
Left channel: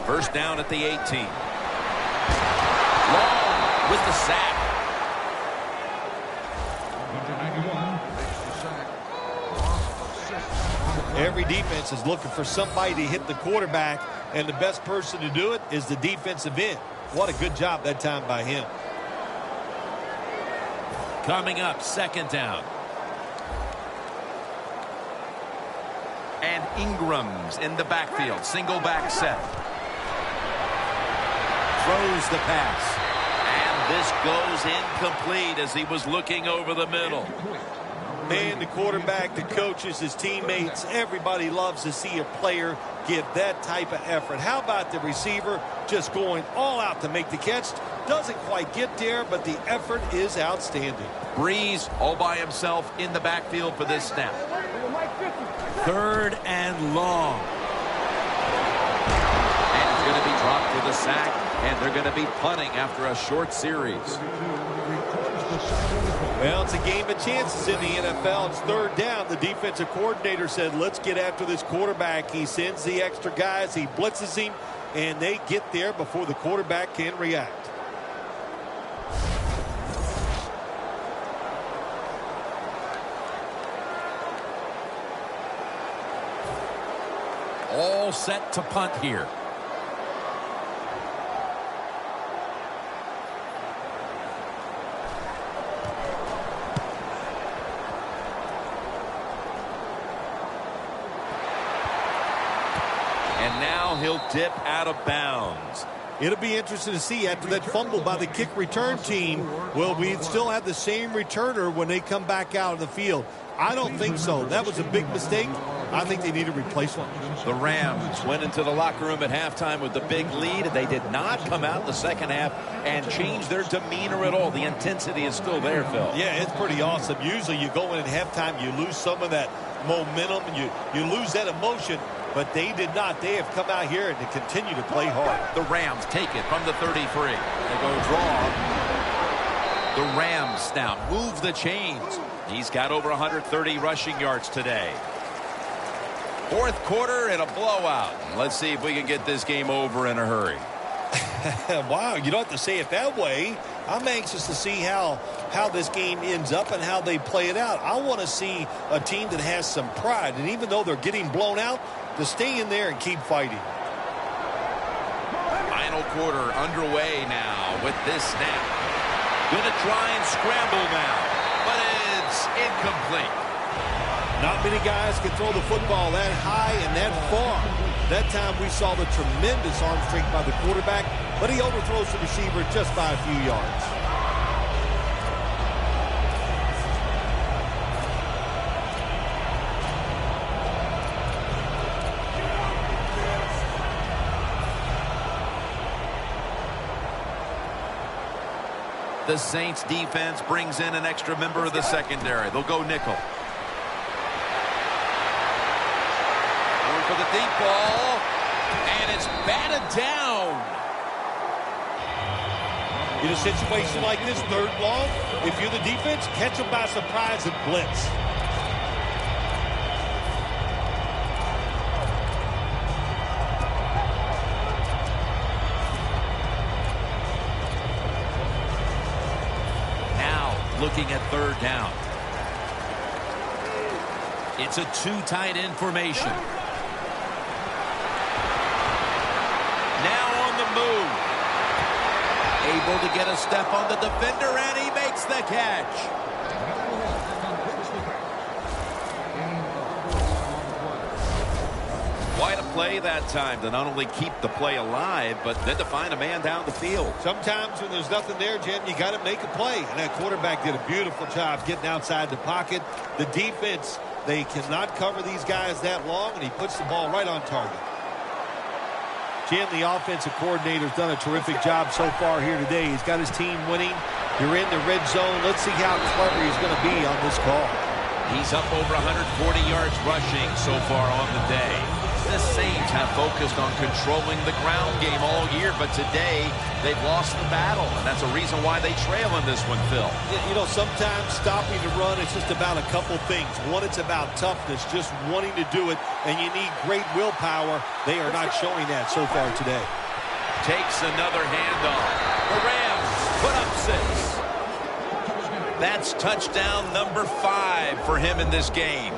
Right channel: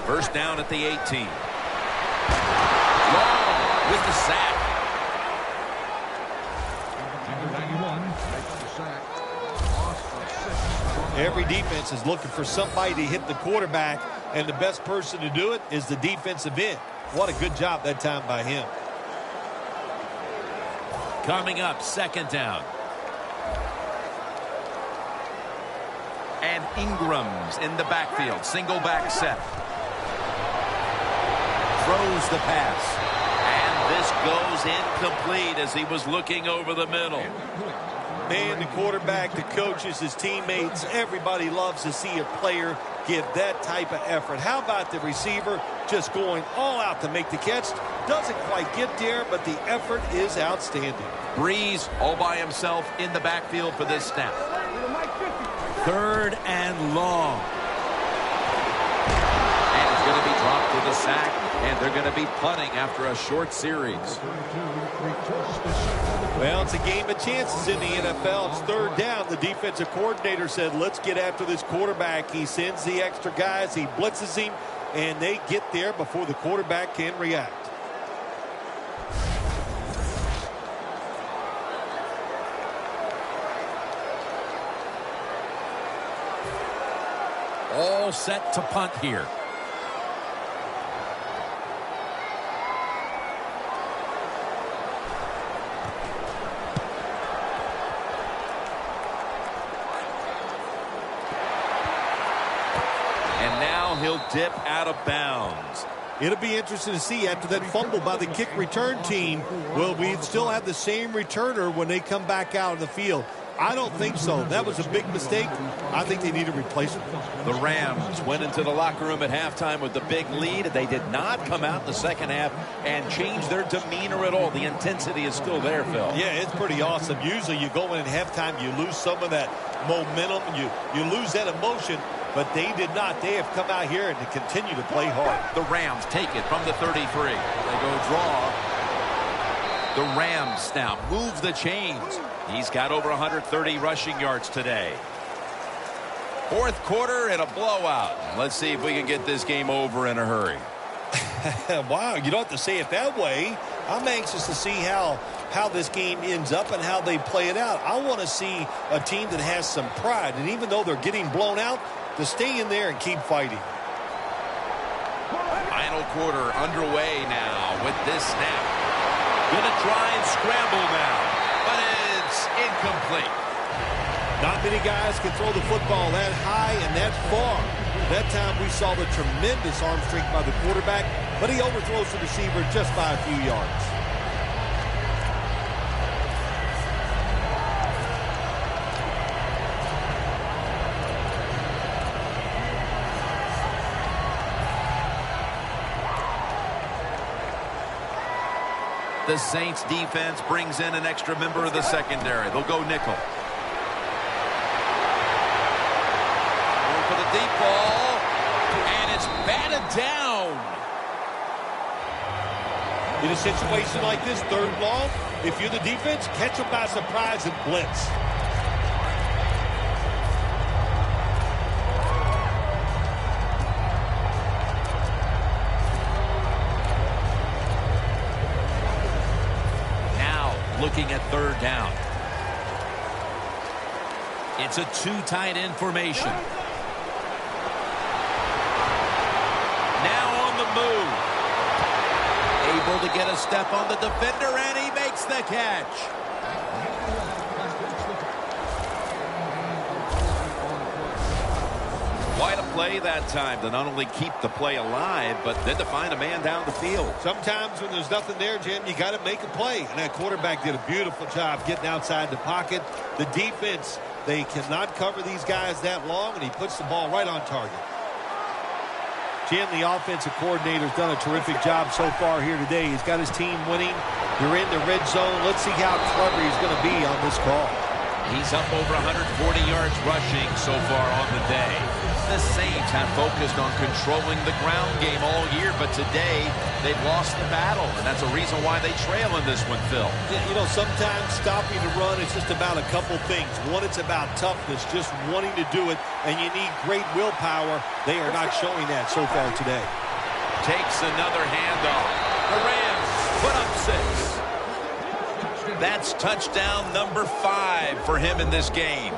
First down at the 18. Long with the sack. Every defense is looking for somebody to hit the quarterback, and the best person to do it is the defensive end. What a good job that time by him. Coming up, second down. And Ingram's in the backfield. Single back set. Throws the pass. And this goes incomplete as he was looking over the middle. Man, the quarterback, the coaches, his teammates, everybody loves to see a player give that type of effort. How about the receiver just going all out to make the catch? Doesn't quite get there, but the effort is outstanding. Breeze all by himself in the backfield for this snap. Third and long. And it's going to be dropped with a sack, and they're going to be punting after a short series. Well, it's a game of chances in the NFL. It's third down. The defensive coordinator said, let's get after this quarterback. He sends the extra guys. He blitzes him, and they get there before the quarterback can react. All set to punt here. And now he'll dip out of bounds. It'll be interesting to see after that fumble by the kick return team, will we still have the same returner when they come back out of the field? I don't think so. That was a big mistake. I think they need a replacement. The Rams went into the locker room at halftime with the big lead. They did not come out in the second half and change their demeanor at all. The intensity is still there, Phil. Yeah, it's pretty awesome. Usually you go in at halftime, you lose some of that momentum, and you lose that emotion. But they did not. They have come out here and to continue to play hard. The Rams take it from the 33. They go draw. The Rams now move the chains. He's got over 130 rushing yards today. Fourth quarter and a blowout. Let's see if we can get this game over in a hurry. Wow, you don't have to say it that way. I'm anxious to see how this game ends up and how they play it out. I want to see a team that has some pride, and even though they're getting blown out, to stay in there and keep fighting. Final quarter underway now with this snap. Gonna try and scramble now, but it's incomplete. Not many guys can throw the football that high and that far. That time we saw the tremendous arm strength by the quarterback, but he overthrows the receiver just by a few yards. The Saints defense brings in an extra member of the secondary. They'll go nickel. Going for the deep ball, and it's batted down. In a situation like this, third and long, if you're the defense, catch them by surprise and blitz. Looking at third down. It's a two tight end formation. Now on the move. Able to get a step on the defender, and he makes the catch. Quite a play that time to not only keep the play alive, but then to find a man down the field. Sometimes when there's nothing there, Jim, you got to make a play. And that quarterback did a beautiful job getting outside the pocket. The defense, they cannot cover these guys that long, and he puts the ball right on target. Jim, the offensive coordinator's done a terrific job so far here today. He's got his team winning. You're in the red zone. Let's see how clever he's going to be on this call. He's up over 140 yards rushing so far on the day. The Saints have focused on controlling the ground game all year, but today they've lost the battle, and that's a reason why they trail in this one, Phil. You know, sometimes stopping the run is just about a couple things. One, it's about toughness, just wanting to do it, and you need great willpower. They are not showing that so far today. Takes another handoff. The Rams put up 6. That's touchdown number 5 for him in this game.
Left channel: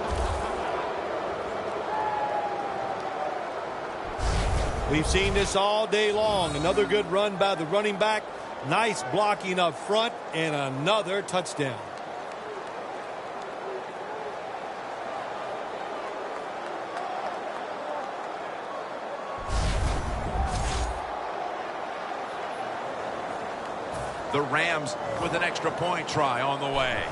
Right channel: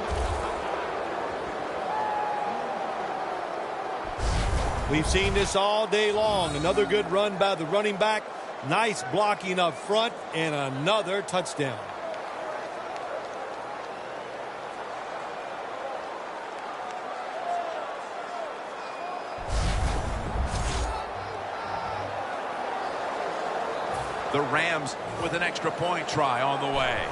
We've seen this all day long. Another good run by the running back. Nice blocking up front, and another touchdown. The Rams with an extra point try on the way.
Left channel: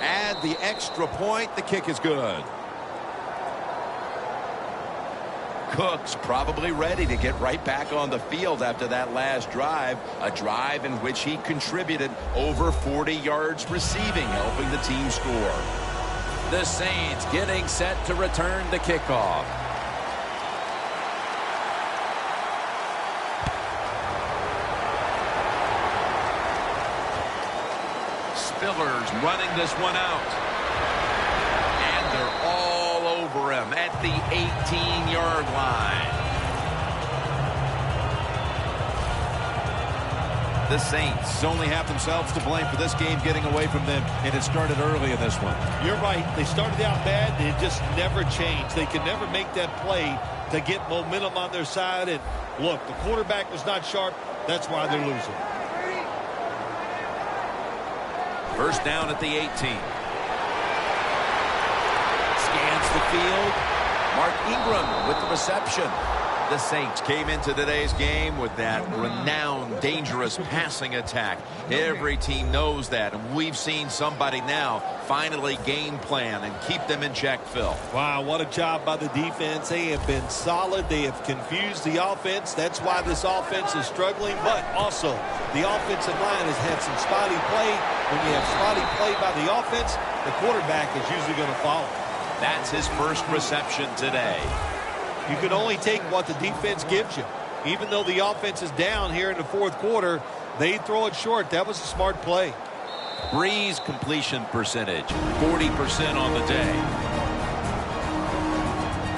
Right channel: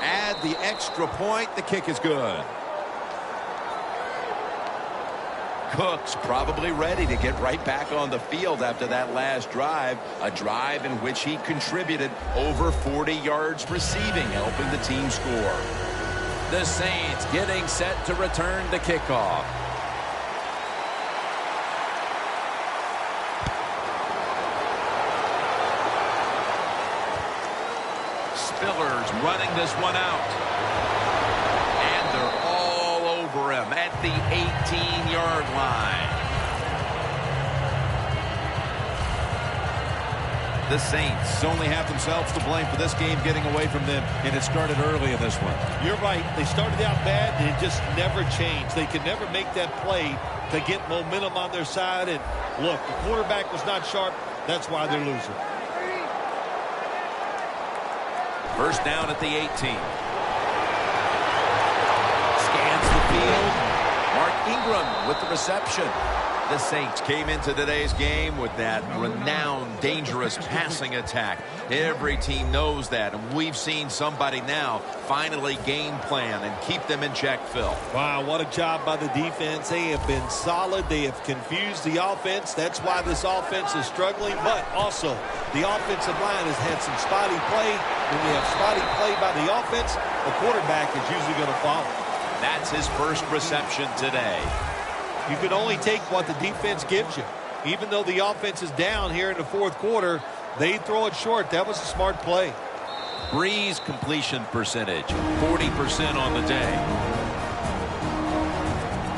Add the extra point. The kick is good. Cook's probably ready to get right back on the field after that last drive, a drive in which he contributed over 40 yards receiving, helping the team score. The Saints getting set to return the kickoff. Spiller's running this one out. And they're all over him at the 18-yard line. The Saints only have themselves to blame for this game getting away from them, and it started early in this one. You're right. They started out bad, and it just never changed. They could never make that play to get momentum on their side. And look, the quarterback was not sharp. That's why they're losing. First down at the 18. Scans the field. Mark Ingram with the reception. The Saints came into today's game with that renowned, dangerous passing attack. Every team knows that, and we've seen somebody now finally game plan and keep them in check, Phil. Wow, what a job by the defense. They have been solid. They have confused the offense. That's why this offense is struggling, but also the offensive line has had some spotty play. When you have spotty play by the offense, the quarterback is usually going to follow. That's his first reception today. You can only take what the defense gives you. Even though the offense is down here in the fourth quarter, they throw it short. That was a smart play. Brees completion percentage, 40% on the day.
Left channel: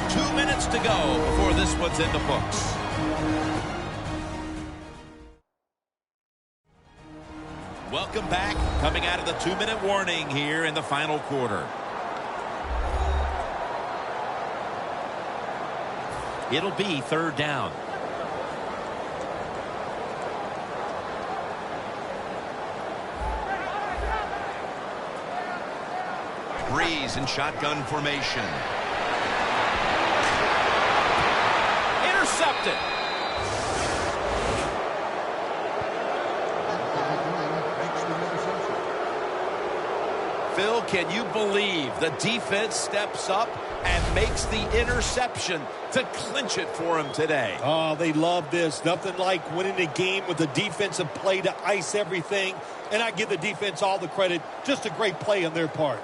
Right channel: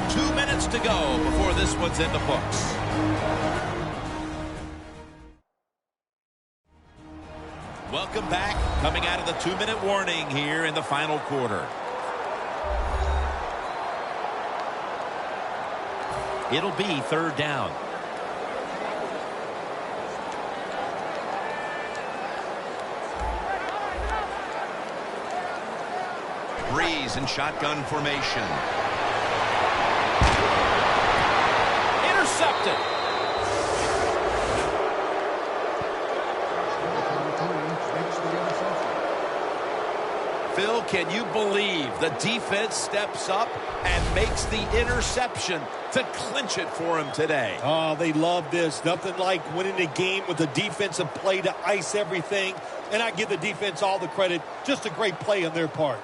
2 minutes to go before this one's in the books. Welcome back. Coming out of the 2-minute warning here in the final quarter. It'll be third down. Brees in shotgun formation. Intercepted. Phil, can you believe the defense steps up and makes the interception to clinch it for him today? Oh, they love this. Nothing like winning a game with a defensive play to ice everything. And I give the defense all the credit. Just a great play on their part.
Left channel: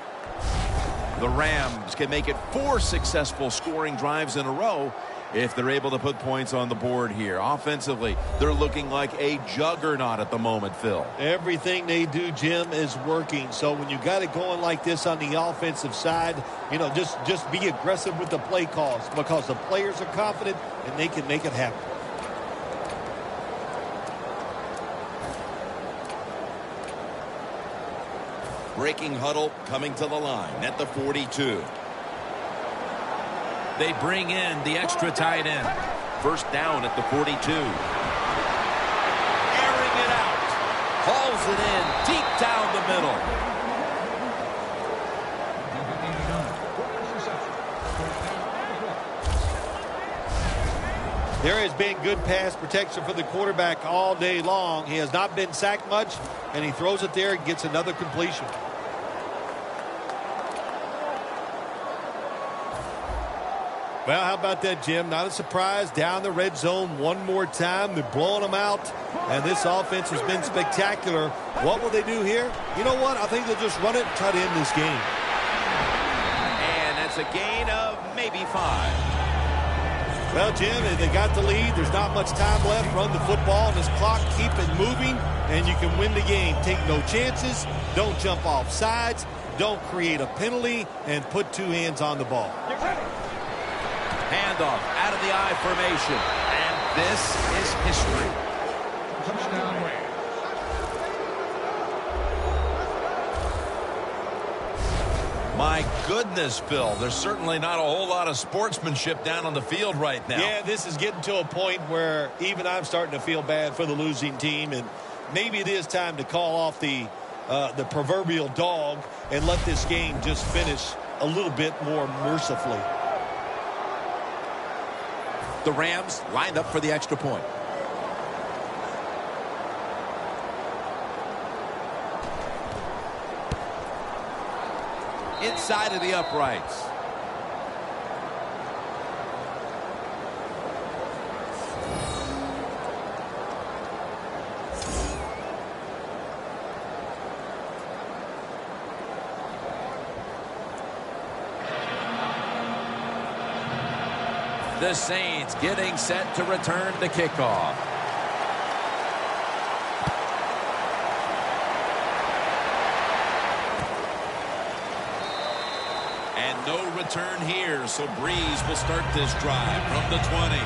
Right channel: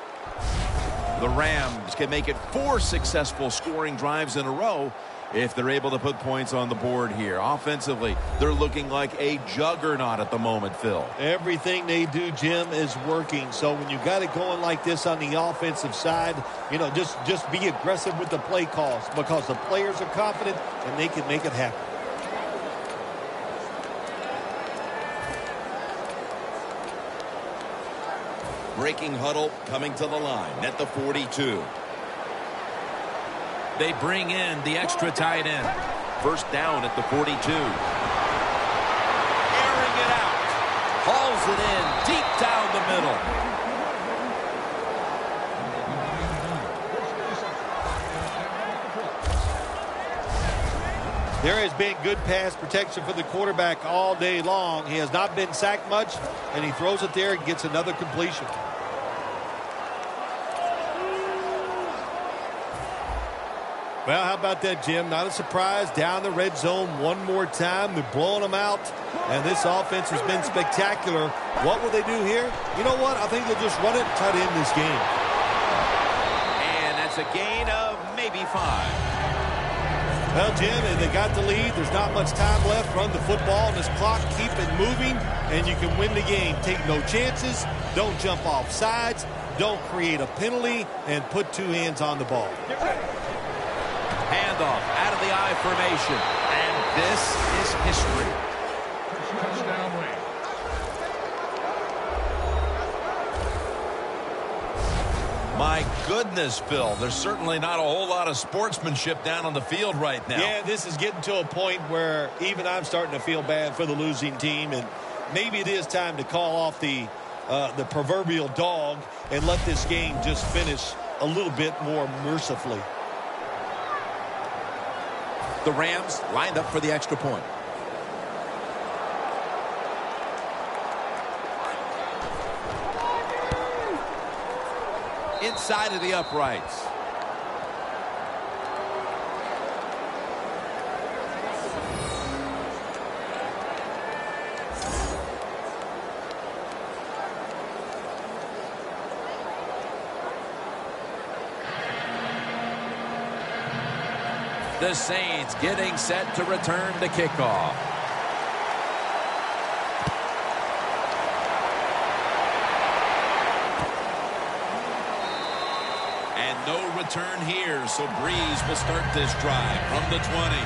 The Rams can make it 4 successful scoring drives in a row if they're able to put points on the board here. Offensively, they're looking like a juggernaut at the moment, Phil. Everything they do, Jim, is working. So when you got it going like this on the offensive side, you know, just be aggressive with the play calls because the players are confident and they can make it happen. Breaking huddle coming to the line at the 42. They bring in the extra tight end. First down at the 42. Airing it out. Hauls it in deep down the middle. There has been good pass protection for the quarterback all day long. He has not been sacked much, and he throws it there and gets another completion. Well, how about that, Jim? Not a surprise. Down the red zone one more time. They're blowing them out. And this offense has been spectacular. What will they do here? You know what? I think they'll just run it and try to end this game. And that's a gain of maybe 5. Well, Jim, if they got the lead, there's not much time left. Run the football on this clock. Keep it moving, and you can win the game. Take no chances. Don't jump off sides. Don't create a penalty, and put 2 hands on the ball. Handoff out of the I formation. And this is history. My goodness, Phil, there's certainly not a whole lot of sportsmanship down on the field right now. Yeah, this is getting to a point where even I'm starting to feel bad for the losing team, and maybe it is time to call off the proverbial dog and let this game just finish a little bit more mercifully. The Rams lined up for the extra point. Inside of the uprights. The Saints getting set to return the kickoff. And no return here, so Breeze will start this drive from the 20.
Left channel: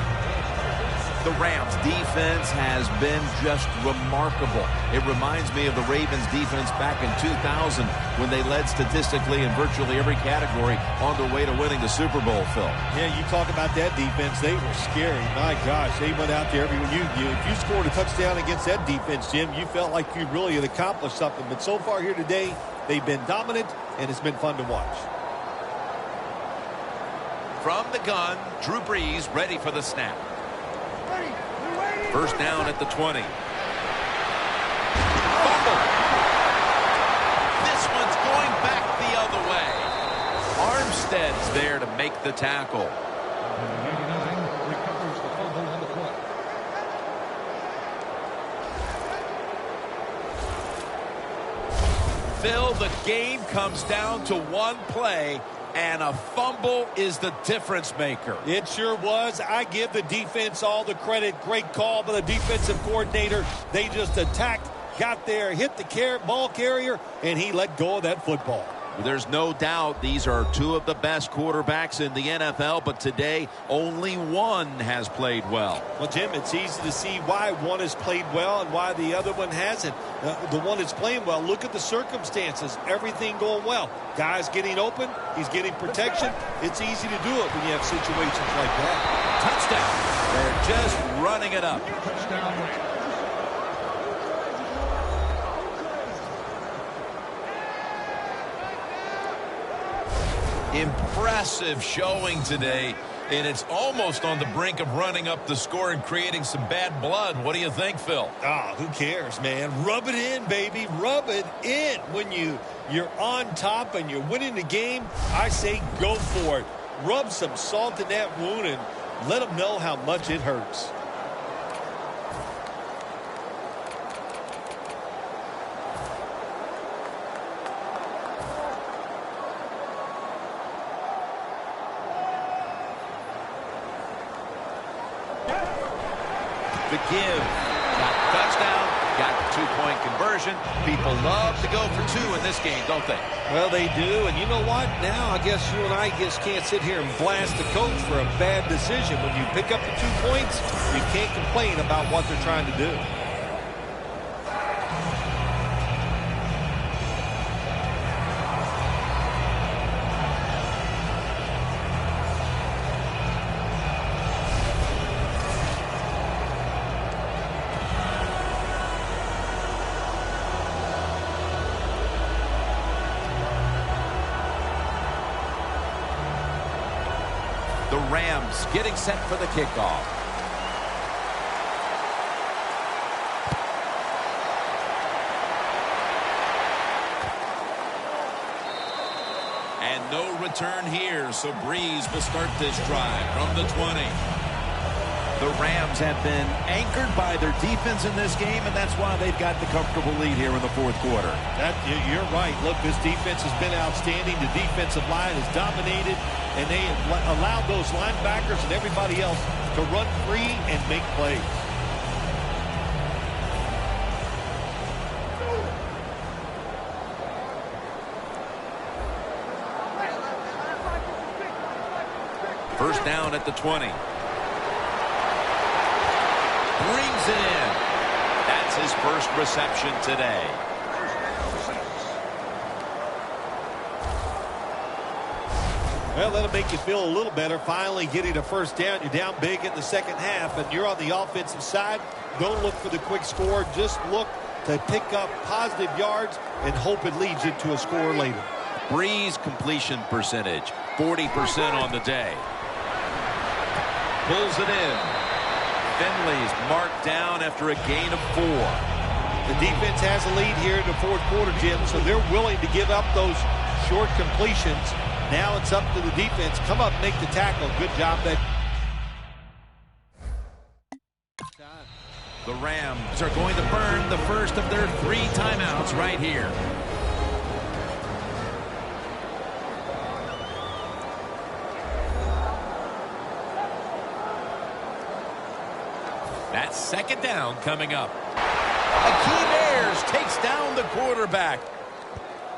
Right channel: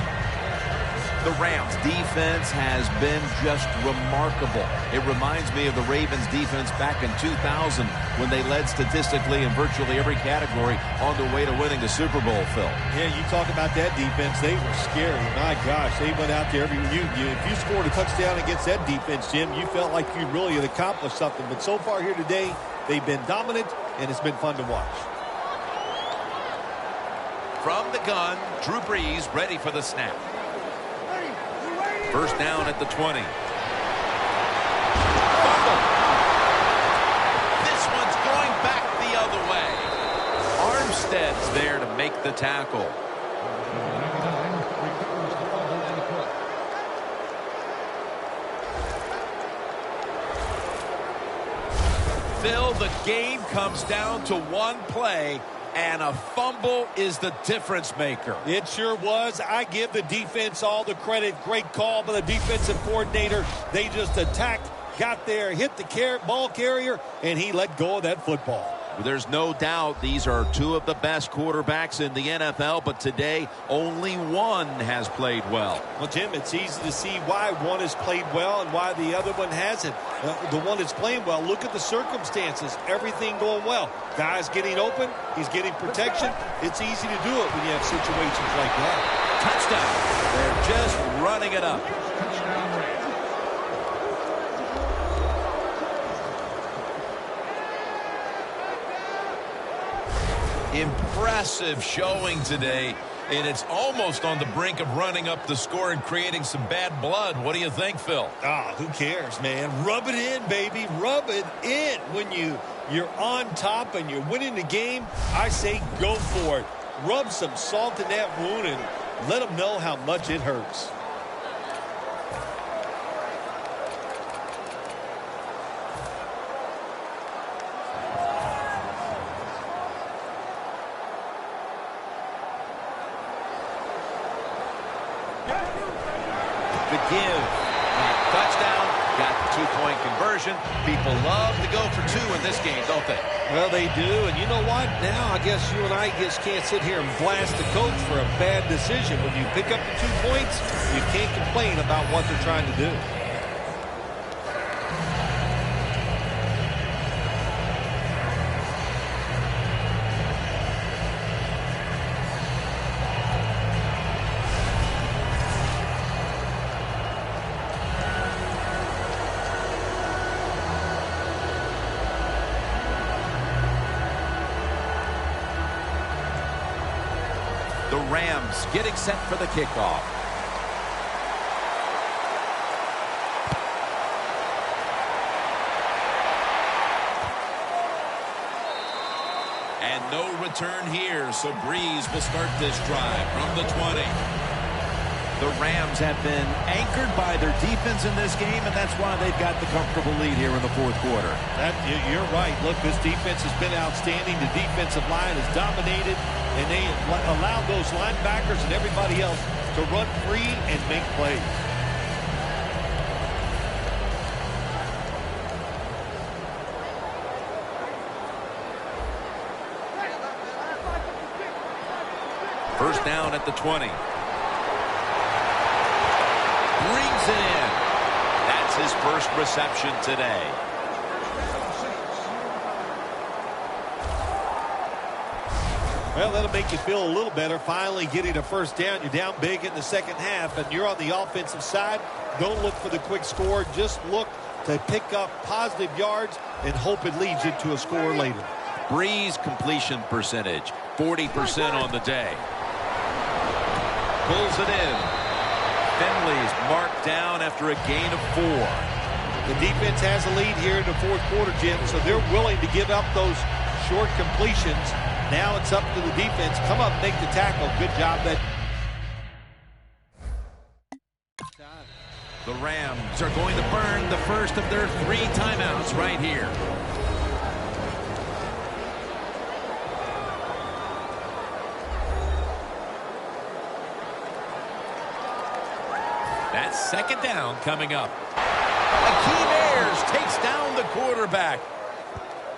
The Rams defense has been just remarkable. It reminds me of the Ravens defense back in 2000 when they led statistically in virtually every category on their way to winning the Super Bowl, Phil. Yeah, you talk about that defense. They were scary. My gosh, they went out there. If you scored a touchdown against that defense, Jim, you felt like you really had accomplished something. But so far here today, they've been dominant, and it's been fun to watch. From the gun, Drew Brees ready for the snap. First down at the 20. Fumble. This one's going back the other way. Armstead's there to make the tackle. Phil, the game comes down to one play, and a fumble is the difference maker. It sure was. I give the defense all the credit. Great call by the defensive coordinator. They just attacked, got there, hit the ball carrier, and he let go of that football. There's no doubt these are two of the best quarterbacks in the NFL, but today only one has played well. Well, Jim, it's easy to see why one has played well and why the other one hasn't. The one that's playing well, look at the circumstances. Everything going well. Guy's getting open. He's getting protection. It's easy to do it when you have situations like that. Touchdown. They're just running it up. Impressive showing today, and it's almost on the brink of running up the score and creating some bad blood. What do you think, Phil? Who cares, man? Rub it in, baby. Rub it in. When you're on top and you're winning the game, I say go for it. Rub some salt in that wound and let them know how much it hurts. The give. Got touchdown, got the 2-point conversion. People love to go for 2 in this game, don't they? Well, they do. And you know what? Now I guess you and I just can't sit here and blast the coach for a bad decision. When you pick up the 2 points, you can't complain about what they're trying to do. The Rams getting set for the kickoff. And no return here, so Breeze will start this drive from the 20. The Rams have been anchored by their defense in this game, and that's why they've got the comfortable lead here in the fourth quarter. You're right. Look, this defense has been outstanding. The defensive line has dominated, and they have allowed those linebackers and everybody else to run free and make plays. First down at the 20. Brings it in. That's his first reception today. Well, that'll make you feel a little better. Finally getting a first down. You're down big in the second half, and you're on the offensive side. Don't look for the quick score. Just look to pick up positive yards and hope it leads you to a score later. Breeze completion percentage, 40% on the day. Pulls it in. Finley's marked down after a gain of 4. The defense has a lead here in the fourth quarter, Jim, so they're willing to give up those short completions. Now it's up to the defense. Come up, make the tackle. Good job. The Rams are going to burn the first of their 3 timeouts right here. That's second down coming up. Akeem Ayers takes down the quarterback.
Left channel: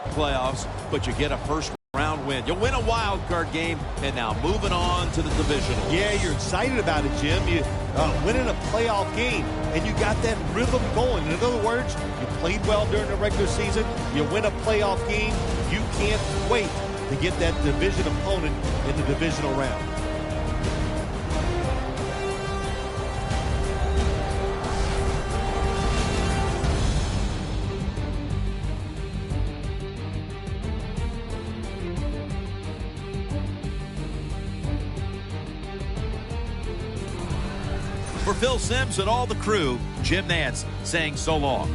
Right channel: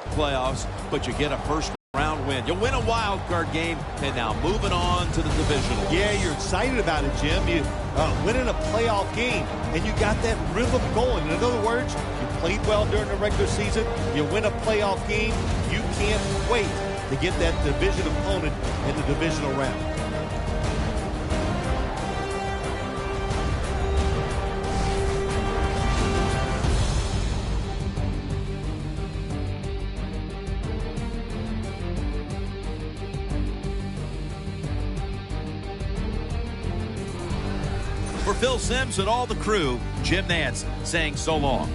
Playoffs, but you get a first-round win. You'll win a wild card game, and now moving on to the divisional. Yeah, you're excited about it, Jim. You winning a playoff game, and you got that rhythm going. In other words, you played well during the regular season. You win a playoff game. You can't wait to get that division opponent in the divisional round. For Phil Simms and all the crew, Jim Nantz saying so long.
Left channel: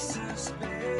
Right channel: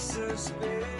makes us better.